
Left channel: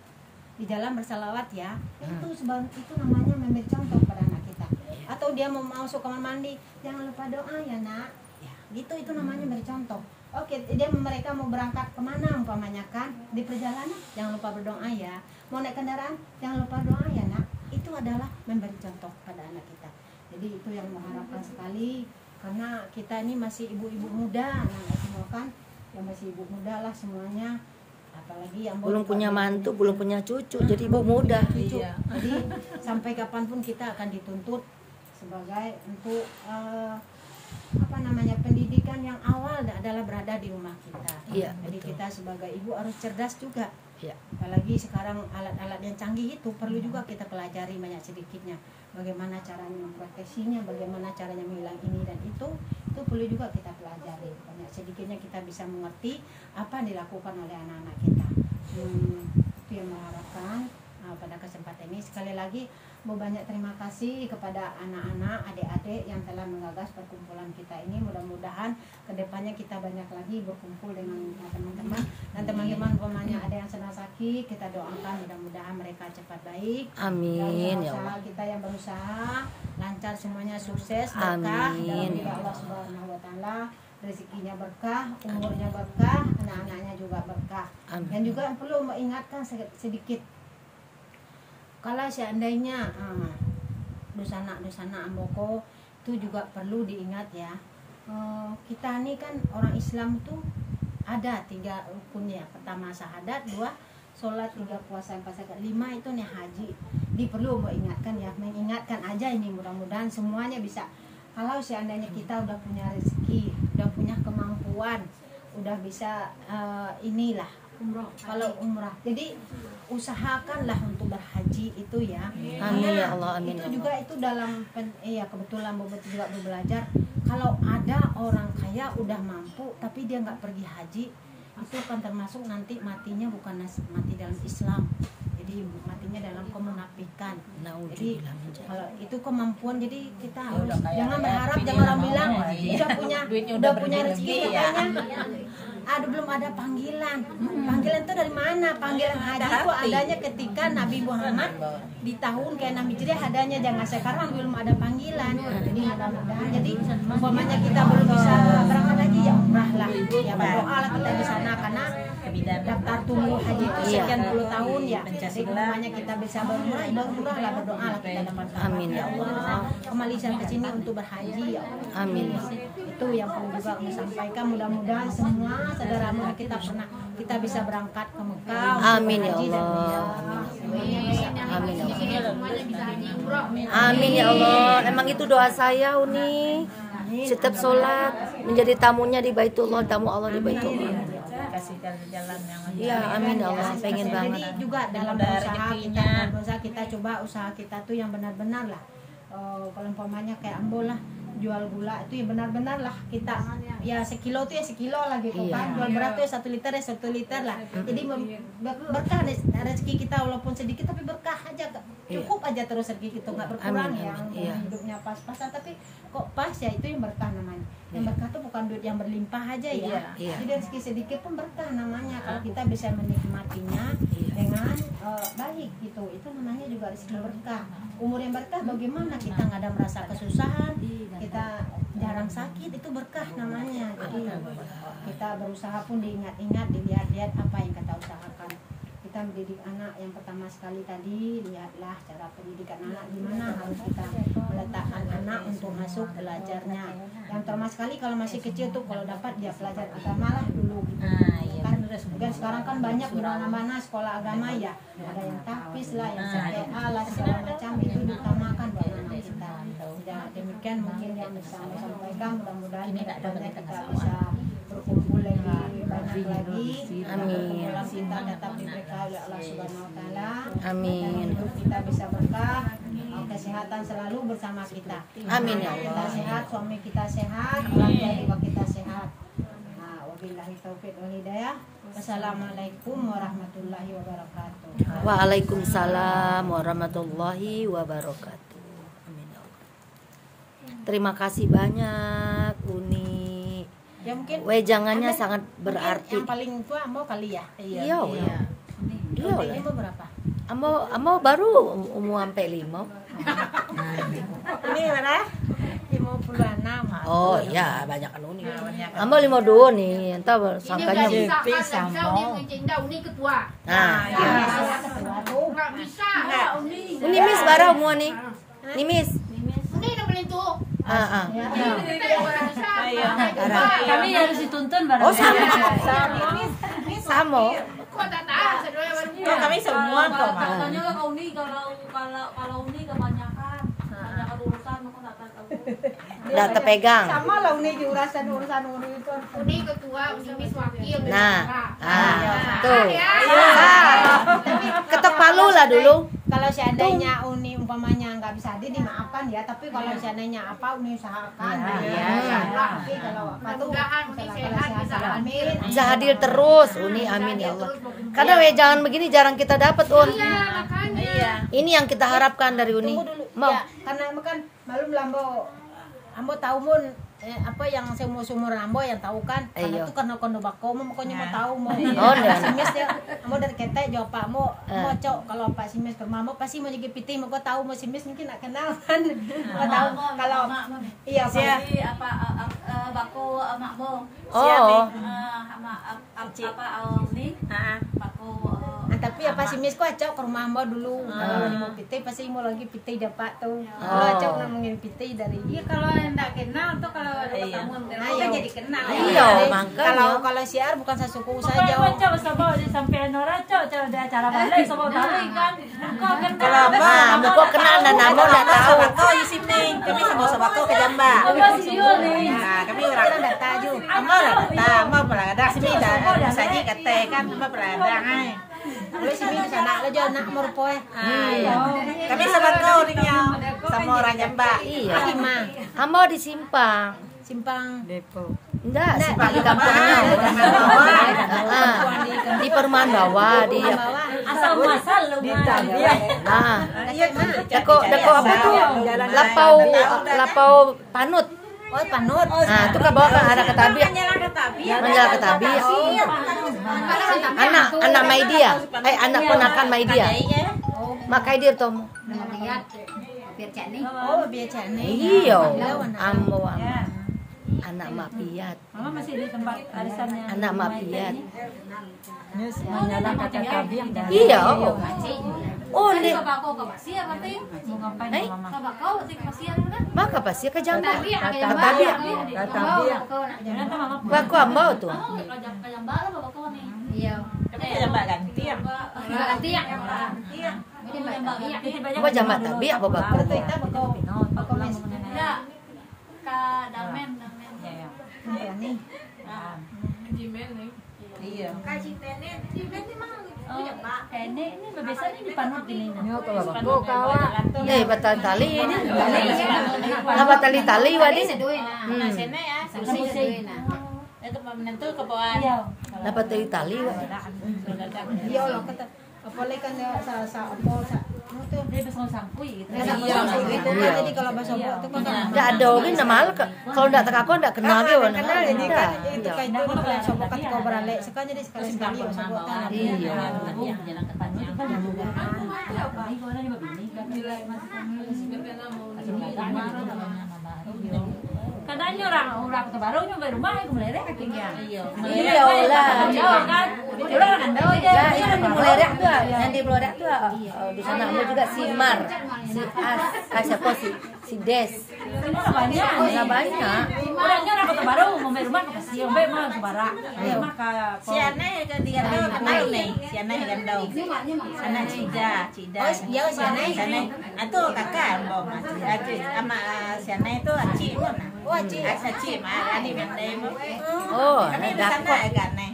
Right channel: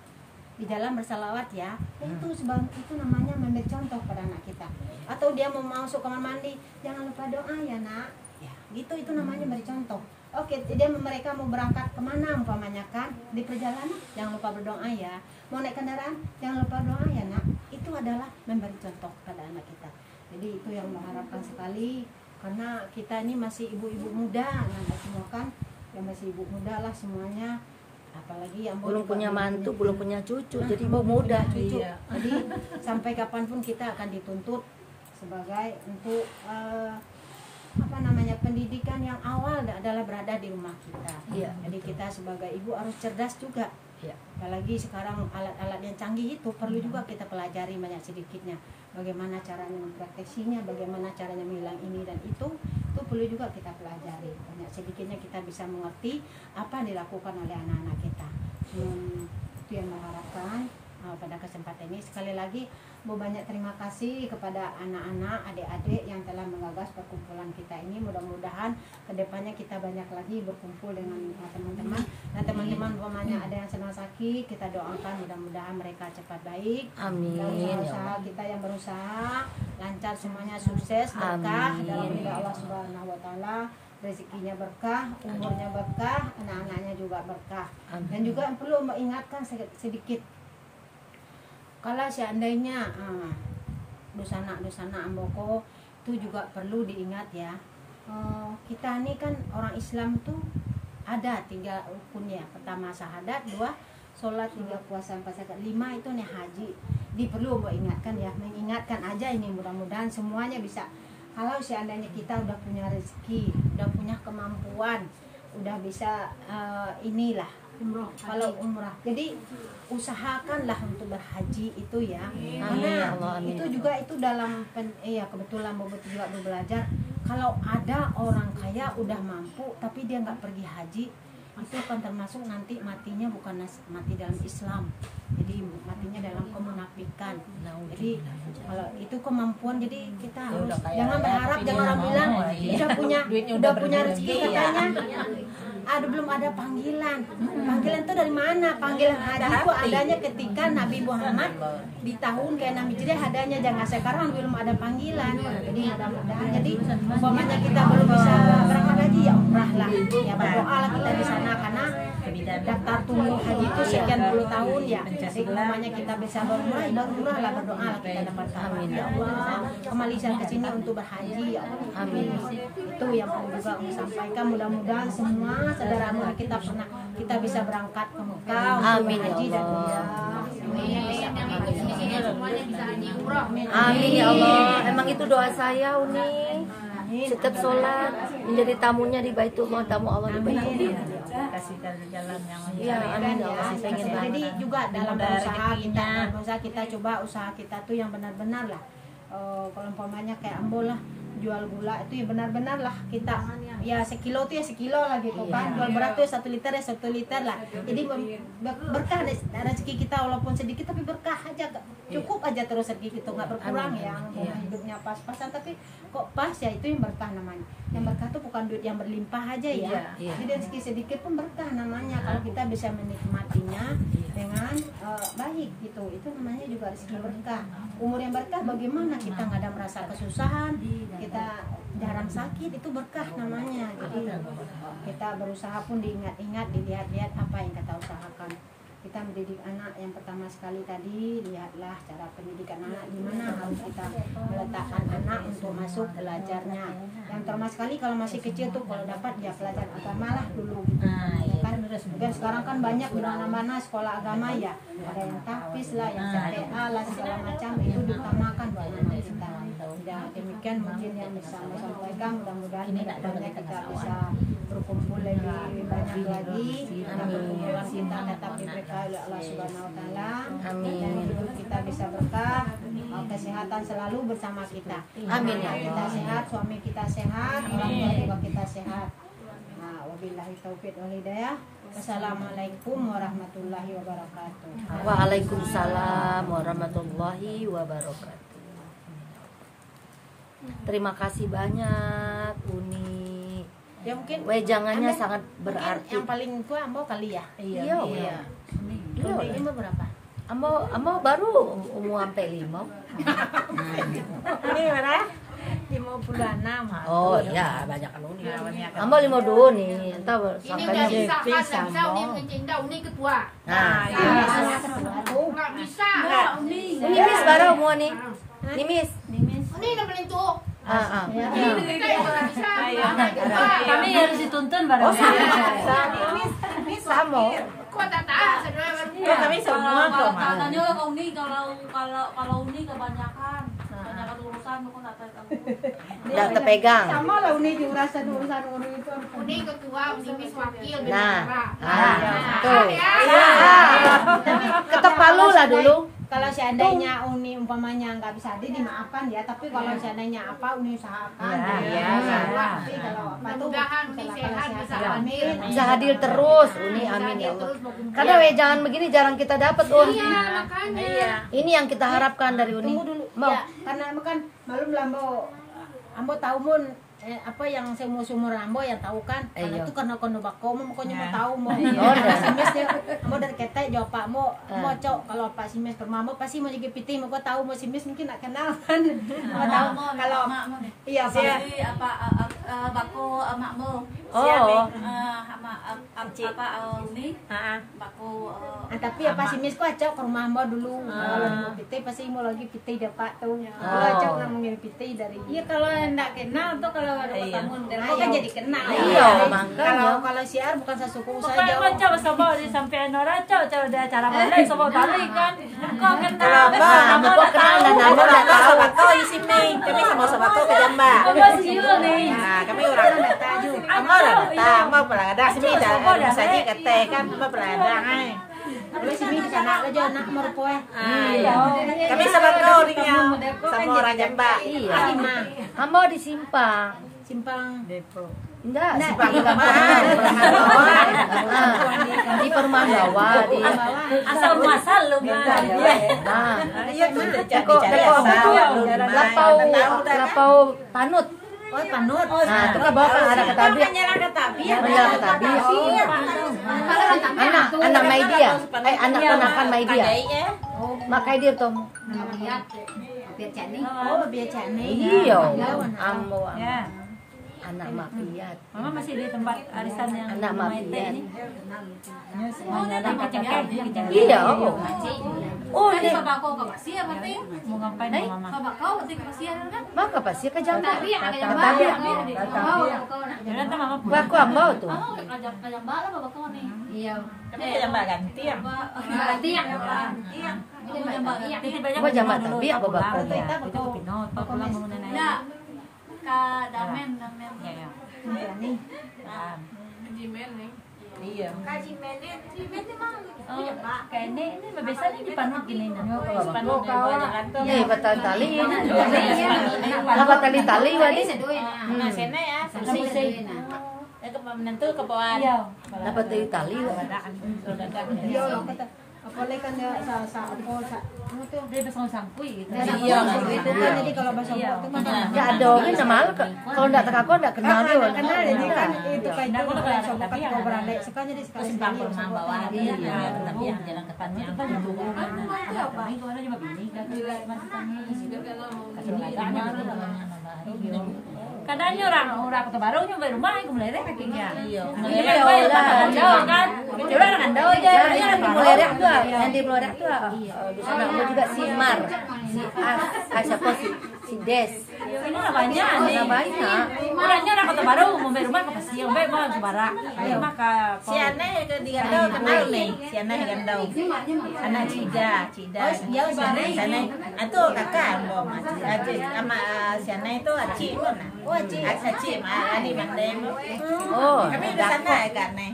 Di jalan bersalawat ya. Itu namanya memberi contoh pada anak kita. Atau dia mau masuk kamar mandi, jangan lupa doa ya nak. Ya gitu, itu namanya memberi contoh. Oke, mereka mau berangkat kemana umpamanya kan, di perjalanan jangan lupa berdoa ya. Mau naik kendaraan jangan lupa doa ya nak. Itu adalah memberi contoh pada anak kita. Jadi itu yang mengharapkan sekali, karena kita ini masih ibu-ibu muda, semua kan, yang masih ibu muda lah semuanya, apalagi yang belum punya mantu, belum punya cucu, jadi ibu muda cucu. Jadi sampai kapanpun kita akan dituntut sebagai untuk pendidikan yang awal adalah berada di rumah kita. Iya, jadi betul. kita sebagai ibu harus cerdas juga. Ya. Apalagi sekarang alat-alat yang canggih itu perlu juga kita pelajari banyak sedikitnya. Bagaimana caranya memproteksinya, bagaimana caranya menghilang ini dan itu perlu juga kita pelajari. Banyak sedikitnya kita bisa mengerti apa yang dilakukan oleh anak-anak kita. Itu yang mengharapkan pada kesempatan ini. Sekali lagi mau banyak terima kasih kepada anak-anak, adik-adik yang telah menggagas perkumpulan kita ini. Mudah-mudahan kedepannya kita banyak lagi berkumpul dengan teman-teman, dan teman-teman umpamanya ada yang sedang sakit, kita doakan mudah-mudahan mereka cepat baik. Amin. Dan usaha kita yang berusaha lancar semuanya, sukses, berkah dalam ridha Allah Subhanahu wa taala. Rezekinya berkah, umurnya berkah, anak-anaknya juga berkah. Amin. Dan juga perlu mengingatkan sedikit, kalau seandainya dosana amboko itu juga perlu diingat ya. Kita ini kan orang Islam itu ada 3 rukun ya. Pertama syahadat, 2 sholat, 3 puasa, 4 zakat, 5 itu nih haji. Perlu mengingatkan ya, mengingatkan aja ini, mudah-mudahan semuanya bisa. Kalau seandainya kita udah punya rezeki, udah punya kemampuan, udah bisa inilah umroh, kalau umrah, jadi usahakanlah untuk berhaji itu ya. Karena itu juga itu dalam kebetulan Bobo juga belajar, kalau ada orang kaya udah mampu tapi dia nggak pergi haji, itu kan termasuk nanti matinya bukan mati dalam Islam, jadi matinya dalam kemunafikan. Jadi kalau itu kemampuan, jadi kita harus jangan berharap, jangan orang bilang udah punya rezeki katanya. belum ada panggilan. Panggilan itu dari mana? Panggilan haji itu adanya ketika Nabi Muhammad di tahun ke-6 Hijriah adanya, jangan sekarang belum ada panggilan. Jadi mudah-mudahan, jadi umpamanya kita belum bisa berangkat haji, ya umrah lah, ya berdoa lah kita di sana, karena daftar tunggu haji itu sekian puluh tahun ya. Jadi umpamanya kita bisa berumrah lah, berdoa lah kita dapat amin. Ya Allah, kembali saya ke sini untuk berhaji ya Allah. Amin. Itu yang perlu juga kami sampaikan, mudah-mudahan semua saudara kita bisa berangkat ke Mekah untuk berhaji dan umrah. Amin ya Allah. Emang itu doa saya, Uni. Setiap sholat menjadi tamunya di Baitullah, tamu Allah di Baitullah. Kasih jalan yang Iya, amin ya Allah. Pengen banget. Jadi juga dalam usaha kita coba usaha kita tuh yang benar-benar lah. Kalau umpamanya kayak Ambo lah, jual gula itu ya benar-benar lah kita ya sekilo tuh ya sekilo lah gitu kan, jual berat tuh ya 1 liter ya 1 liter lah. Jadi berkah rezeki kita walaupun sedikit tapi berkah aja, cukup aja terus rezeki kita nggak berkurang ya. Hidupnya pas-pasan tapi kok pas ya, itu yang berkah namanya. Yang berkah tuh bukan duit yang berlimpah aja ya. Jadi rezeki sedikit pun berkah namanya kalau kita bisa menikmatinya dengan baik gitu. Itu namanya juga rezeki berkah. Umur yang berkah bagaimana kita nggak ada merasa kesusahan, kita jarang sakit, itu berkah namanya. Jadi kita berusaha pun diingat-ingat, dilihat-lihat apa yang kita usahakan. Kita mendidik anak yang pertama sekali tadi, lihatlah cara pendidikan anak, di mana harus kita meletakkan anak untuk masuk belajarnya. Yang terutama sekali kalau masih kecil tuh, kalau dapat dia pelajar agama lah dulu gitu. Dan sekarang kan banyak di mana-mana sekolah agama ya, ada yang tahfiz lah, yang CPA lah, segala macam, itu diutamakan buat anak kita. Ya demikian mungkin yang bisa saya sampaikan, mudah-mudahan kedepannya kita bisa berkumpul lagi banyak lagi. Perkumpulan kita tetap diberkahi oleh Allah Subhanahu wa taala. Amin. Dan hidup kita bisa berkah, kesehatan selalu bersama kita. Amin. Kita sehat, suami kita sehat, orang tua juga kita sehat. Wabillahi taufiq wal hidayah. Wassalamualaikum warahmatullahi wabarakatuh. Waalaikumsalam warahmatullahi wabarakatuh. Terima kasih banyak Uni. Ya mungkin wejangannya sangat berarti. Yang paling tua Ambo kali ya. Iya. Ini berapa? Ambo baru umur sampai 5. Ini mana? 56. Oh iya, banyak kan Uni. Ambo 52 nih. Entar sangkanya bisa Uni mencinta Uni ketua. Nah, nggak bisa. Ini Miss baru umur nih. Ini Miss. Ini yang paling tua. Kami harus dituntun bareng. Ini sama. Kok tak tahu Kami semua kok. Katanya kalau Uni kebanyakan urusan kok tak tahu. Udah terpegang. Sama lah Uni di urusan Uni itu. Uni ketua, Uni Miss wakil. Tuh. Ketok palu lah dulu. Kalau seandainya Uni umpamanya nggak bisa hadir dimaafkan ya, tapi kalau seandainya apa Uni usahakan. Tapi kalau apa tuh bisa hadir terus Uni, amin ya Allah. Karena wejangan begini jarang kita dapat Ini yang kita harapkan dari Uni. Tunggu dulu. Ya, karena kan malum Ambo tahu mun apa yang seumur Ambo yang tahu kan, karena itu karena kono bako pokoknya mau tahu mau simis ya Ambo dari ketek jawab Pak mau cok kalau Pak simis ke Ambo pasti mau jadi piting mau tahu mau simis mungkin nak kenal kan mau tahu kalau iya apa bako makmu apa Uni bako tapi apa simis ku acok ke rumah Ambo dulu kalau mau piting pasti mau lagi piting dapat tuh kalau acok mau ngirim piting dari iya kalau enggak kenal tuh kalau kamu kan jadi kenal. Kalau siar bukan sesuku saja. Kok coba sama sampai Nora coba di acara balik sama balik kan. Kalau apa? Kok kenal nana sama kau di sini. Kami sama kau ke Jamba. Nah, kami orang data juga. Amor data, mau pelada sini dah saji kate kan mau pelada ai. Kalau sini di sana aja nak morpoe. Kami sama kau tinggal sama orang Jamba. Iya. Kamu di Simpang Depok. Enggak, Simpang di Perumahan Bawah. Di Perumahan Bawah di asal muasal lu mah. Iya tuh. Lapau Panut. Oh, panut. Nah, itu kan bawa anak ketabi. Nyala ketabi. Nyala ketabi. Anak Maidia. Anak ponakan Maidia. Makai dia tuh. Nama biar cani. Oh, biar cani. Iya. Ambo. Anak mapiat. Mama masih di tempat arisannya. Anak mapiat. Nyala ketabi. Iya. Oh, Tadi nih. bapak kau ke Pasia berarti. Mau ngapain mama? Bapak kau berarti ke Pasia kan? Maka pasti ke Jambi. Katabi, Katabi. Ternyata mama Aku ambau tuh. Ke Jambi lah bapak kau nih. Iya. Tapi Mbak ganti ya. Ganti ya. Gua jambak tabi apa bapak tuh. Ya. Ke Damen. Iya. Kayaknya ini biasanya dipanut gini. Iya, batal tali ini. Apa tali-tali wadi? Nah, sana ya. Itu menentu ke bawah. Apa tali-tali? Iya, kata apalagi kan sa Dia bisa sangkui gitu. Iya, gitu kan. Jadi kalau bahasa itu kan Enggak ada orang nama kalau enggak tak aku enggak kenal dia. kenal jadi kan itu kayak itu kalau sobat kan kau beralih sekarang jadi sekali sekali sobat. Iya. Jalan ke tanah itu kan itu ada juga kadangnya orang kota baru juga rumah itu mulai kakinya. Iya Jauh kan? Orang anda aja. Yang mulerek tuh, yang di mulerek tuh. Di sana ada juga si Mar, si As, siapa si Des. Ini banyak. Banyak. Orangnya orang kota baru mau rumah ke Pasir, mau sebara. Maka Si Aneh di Gandau kenal nih, si Aneh di Gandau. Aneh Cida. Oh iya si Aneh. Itu kakak mbak. Sama si Aneh itu Aci mana? Oh Aci. Aci mah di Mandai. Oh, Aneh di sana ya Aneh.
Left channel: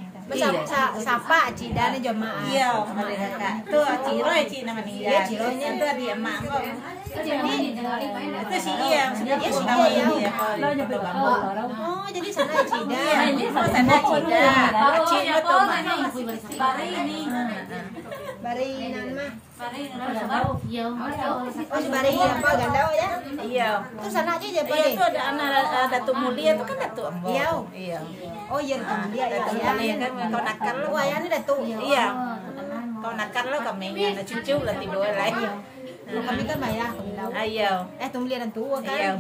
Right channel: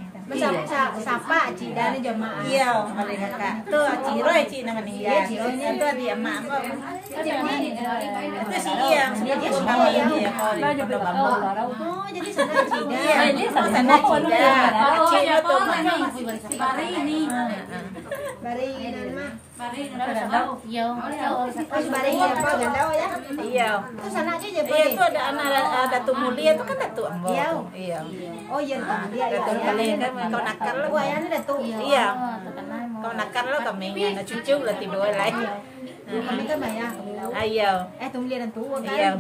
Sapa Cida nih jemaah. Iya, kali kakak. Tuh Ciro Ci namanya. Iya, Ciro itu di emak mbak. Itu si Iya, sebelum mama ini ya kalau di Kota Bambu. Oh, jadi sana Cida. Iya, ini sana Cida. Ciro tuh mana? Bari ini. Bari nama. Iya. Oh, Bari apa Gandau ya? Iya. Itu sana aja ya, Bari. Iya, itu ada anak Datu Mulia itu kan Datu Ambo. Iya. Oh, iya Datu Mulia ya. Kan kau nakal lo. Wah, ini Datu. Iya. Kau nakal lo kami anak cucu lah tiba lagi. Kami kan bayar. Ayo. Tunggu dan tua kan.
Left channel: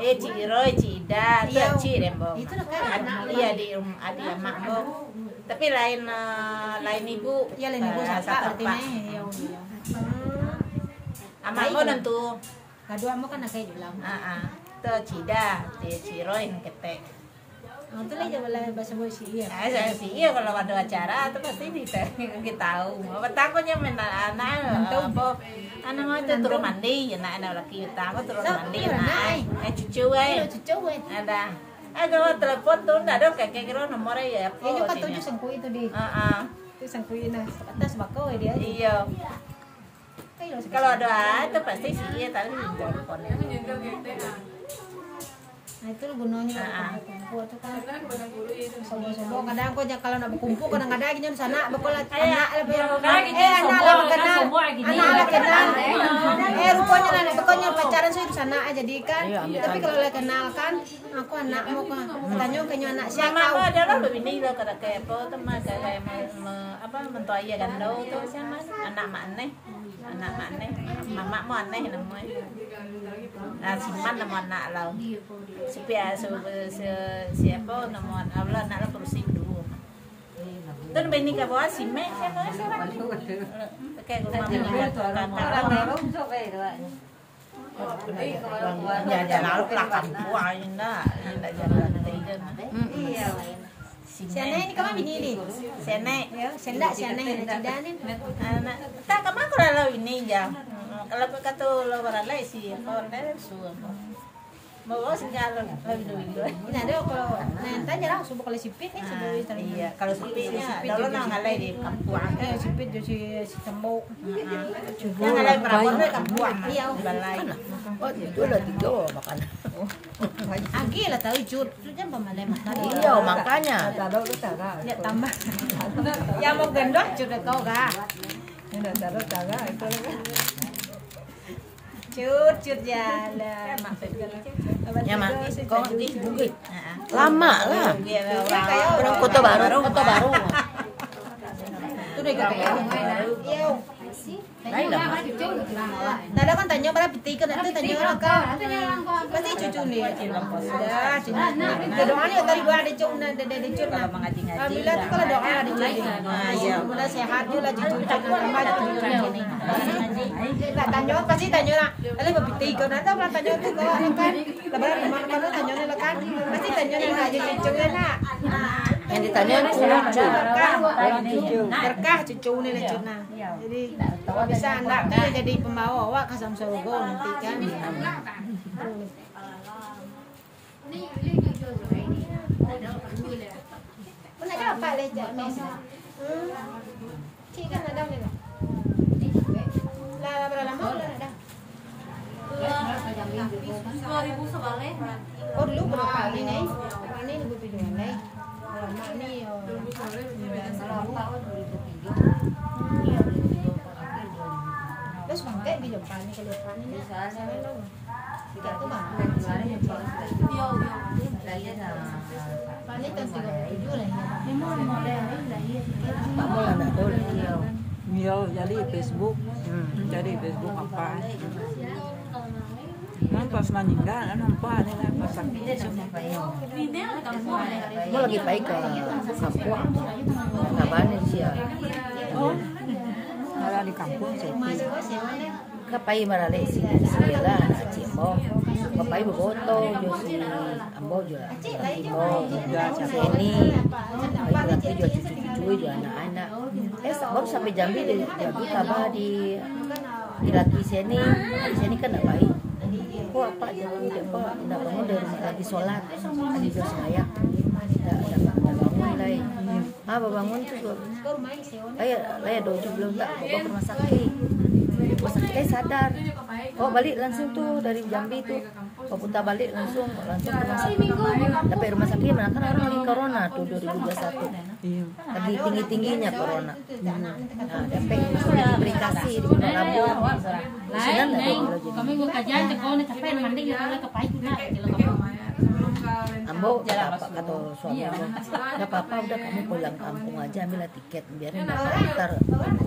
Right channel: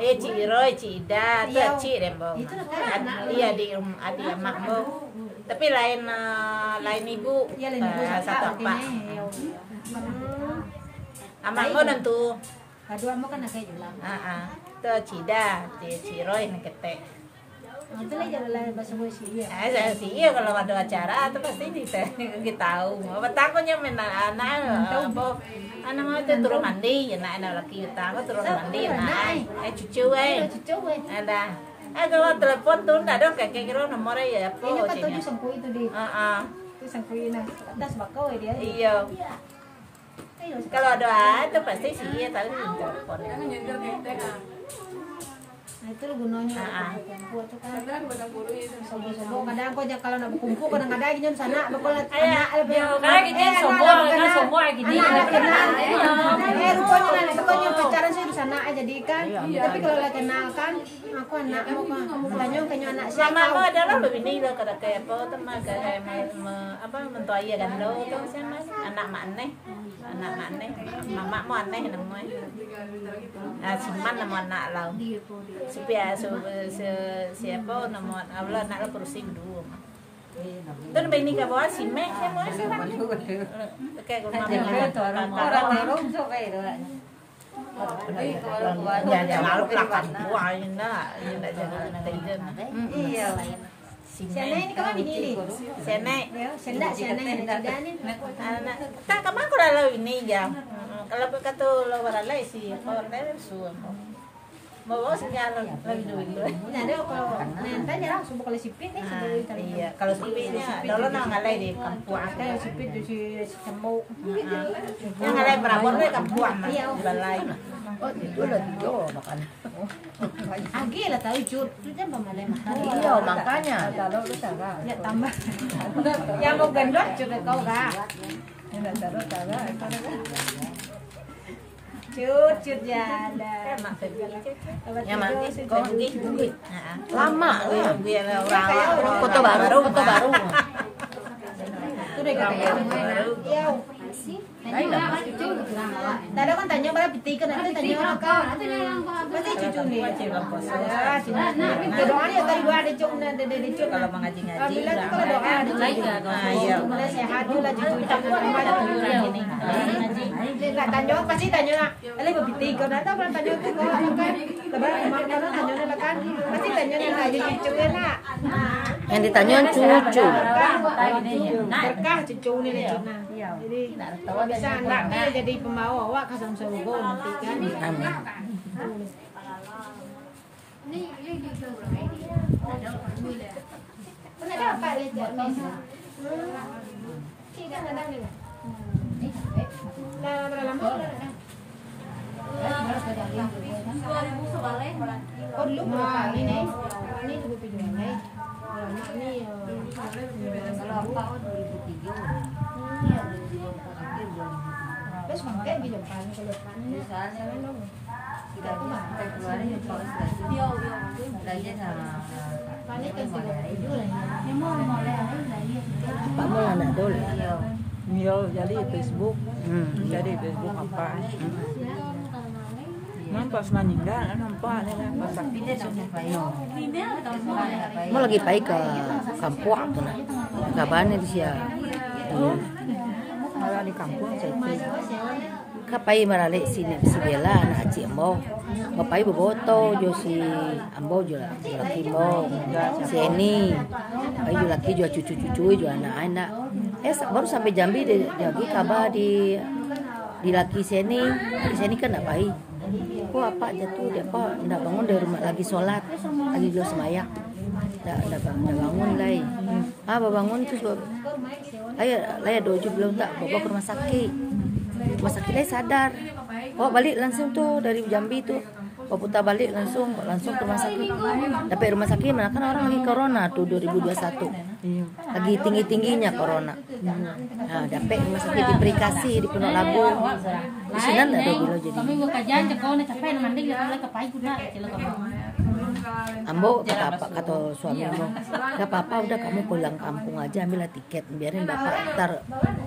Iya. Ciro, Cida, Ci Rembo. Itu kan. Iya di adik emak lo. Tapi lain ibu. Iya lain ibu satu apa? Amak lo dan tuh. Kedua mau kan kayak bilang. Tuh Cida, Ciro yang ketek. Itu lah jalan bahasa gue sih iya. Saya sih iya kalau ada acara itu pasti kita tahu. Apa takutnya anak apa anak itu turun mandi ya anak laki kita aku turun mandi nah cucu ada kalau telepon tuh ada kayak kira nomornya ya apa ini kan tujuh sangku itu di itu sangku ini atas bakau dia iya kalau ada itu pasti sih iya tahu telepon. Nah itu gunanya buat tuh kan sobo kadang kok kalau nak berkumpul kadang-kadang gini sana bakal anak lebih semua gini rupanya nanti pokoknya pacaran saya di sana aja jadi kan tapi kalau lah kenal kan aku anak mau tanya kayaknya anak siapa mama aku adalah begini loh kada kayak apa teman kayak apa mentua iya dan lo itu siapa anak mak aneh mama mau aneh namanya cuman nama anak lo supaya siapa nama Allah nak perusin dulu. Dan begini ka bawa sime kayak rumah ya jangan lakukan buah ini nak jangan tidur. Iya. Siana ini kamu bini ni. Siana. Ya, senda siana ada tidak ni. Anak. Tak kamu kalau ini jam. Kalau kata lo baralai sih, kalau dah suam. Bawa sinyal lagi dulu. Ini ada kalau nanti jarang subuh kalau sipit nih sebelum itu. Iya, kalau sipit kalau nak ngalai di kampung ada sipit di si cemuk. Yang ngalai berapa ni kampung? Iya, balai. Oh, itu lah tiga makan. Agi lah tahu jut, tu jangan pemalai makan. Iya, makanya. Tahu tu tahu. Ya tambah. Yang mau gendong jut kau dah. Ini tahu itu. Cut jalan. Ya mak, kau di bukit. Lama lah. Foto baru. Itu deh baru. Tadi kan tanya berapa pitikan nanti tanya kan. Pasti cucu nih. Ya, doa nih tadi gua ada cuk ada cuk. Kalau mengaji-ngaji. Bila tuh kalau doa ada cuk. Iya. Udah sehat juga cucu. Nah, tanya pasti tanya. Ada berapa pitikan nanti orang tanya tuh kan. Lebaran kemarin tanya lah kan. Pasti tanya aja cucu lah. Yang ditanya cucu. Berkah cucu nih cuna. Jadi bisa anaknya jadi pembawa awak ke surga nanti kan. Udah apa lejar mesra? Cik dah ada ni lah. Lah berapa dah dah. Oh dulu berapa ni ni? Ini lebih pinjam ni. Kalau nak ni terus mangkak bilang kali kalau kan ini tidak tu bang Pak Mul anak dulu. Iya, jadi Facebook. Jadi Facebook apa? Pas meninggal, nampak ada pas sakit semua. Ini lagi pai ke Sampok. Kabarnya di sia. Oh, kalau di kampung saya Kapai marale sini sebela aci ambo. Kapai boboto jo si ambo jo lah. Si ini. Kapai jo laki jo cucu-cucu jo anak-anak. Baru sampai Jambi jadi kabar di laki sini. Di sini kan enggak baik. Kok apa jatuh dia apa enggak bangun dari rumah lagi sholat. Lagi jo sembahyang. Enggak bangun lagi. Bangun tuh Laya doju belum tak bawa ke rumah sakit. Rumah sakitnya sadar. Balik langsung tuh dari Jambi tuh. Putar balik langsung ke rumah sakit. Sampai rumah sakit mana kan orang lagi corona tuh 2021. Lagi tinggi-tingginya corona. Nah, sampai rumah sakit diberi di Gunung Labu. Di sini ada jadi. Kami gua kajian ke kau nih capek manding ya kalau kepai kuna kalau kamu. Ambo kata suami ambo, udah papa udah kamu pulang kampung aja ambillah tiket biarin bapak ntar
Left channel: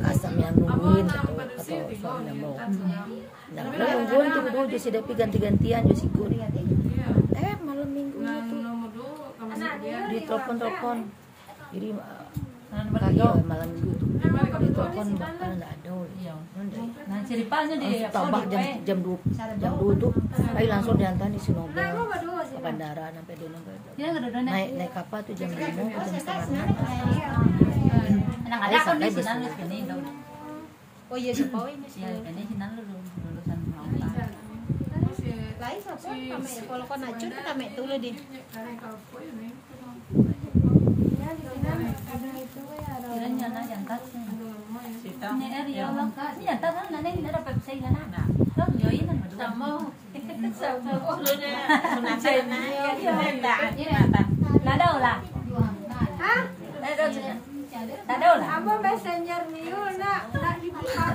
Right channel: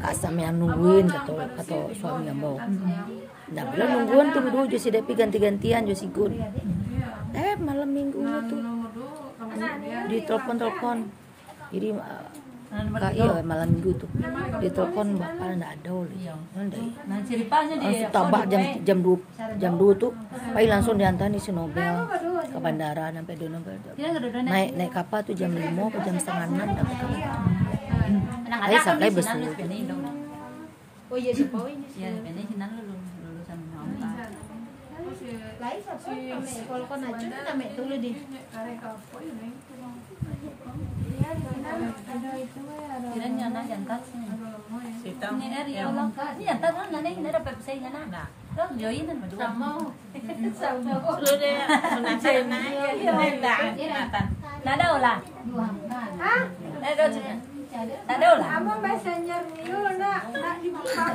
kasam yang nungguin atau suami ambo. Nah belum nungguin tuh dulu Josi Depi ganti-gantian Josi ikut. Malam minggu itu di telepon jadi iya malam minggu tuh di telepon bapak nggak ada Nah ceritanya dia tambah jam 2 tuh Pai langsung diantar di Sinobel ke bandara sampai di Nobel naik kapal tuh jam 5 ke jam setengah 6 sampai besar. Oh iya siapa ini? Ya ini sinan lulusan kalau kau nak cuci nak mek tulis di. Kiranya na jantas. Ini area ulang ka. Ini jantas kan nane ini ada Pepsi nana. Dong join kan. Sama. Nada ulah. Ah? Nada ulah. Amo messenger niyo na dibuka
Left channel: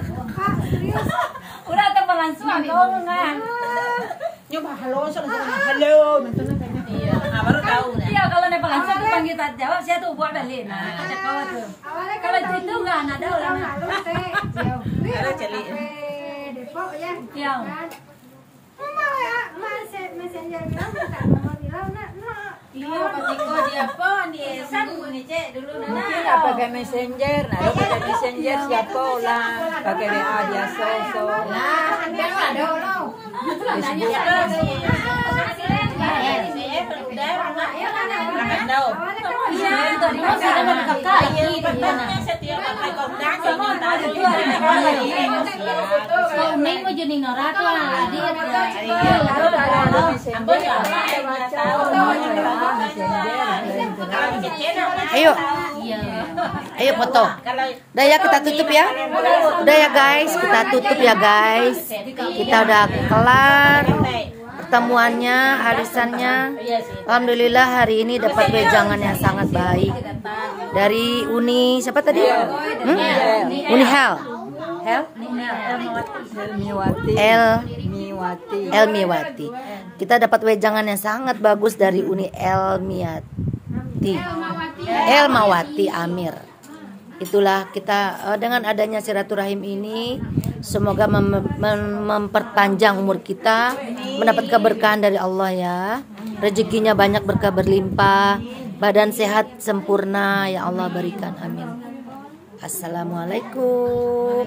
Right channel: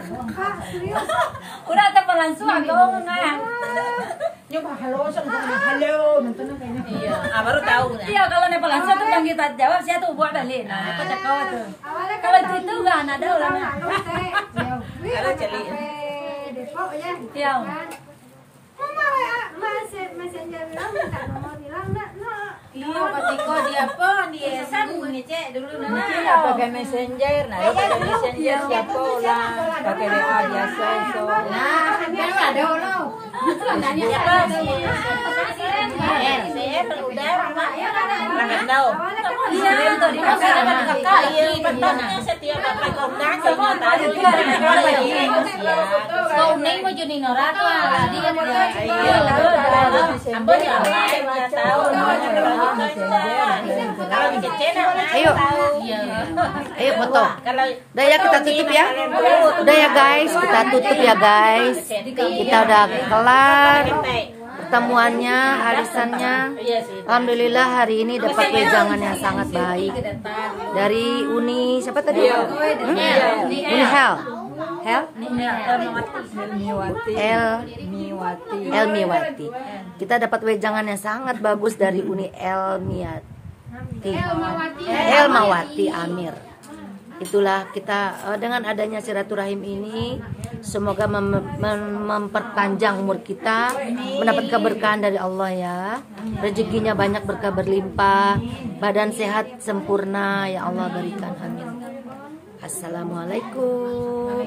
serius. Udah ada langsung aku enggak. Nyoba halo halo iya, baru tahu. Iya kalau nepal langsung tuh panggil tak jawab saya tuh buat balik. Nah, kata kau tuh. Kalau itu enggak nada ulah. Halo teh. Halo celi. Depok ya. Iya. Mama messenger bilang minta nomor bilang nak. Iya, pasti kau dia apa di San nih cek dulu nana. Iya, pakai messenger. Nah, pakai messenger siapa lah. Pakai WA biasa. Nah, kan ada ulah. Nanya Ayo foto. Udah ya kita tutup ya. Udah ya guys, kita tutup ya guys. Kita udah kelar pertemuannya, arisannya. Alhamdulillah hari ini dapat wejangan yang sangat baik dari Uni siapa tadi? Uni Hel. Elmiwati. Kita dapat wejangan yang sangat bagus dari Uni Elmawati Amir. Itulah kita dengan adanya silaturahim ini, semoga memperpanjang umur kita, mendapat keberkahan dari Allah ya. Rezekinya banyak, berkah berlimpah, badan sehat sempurna ya Allah berikan, amin. Assalamualaikum.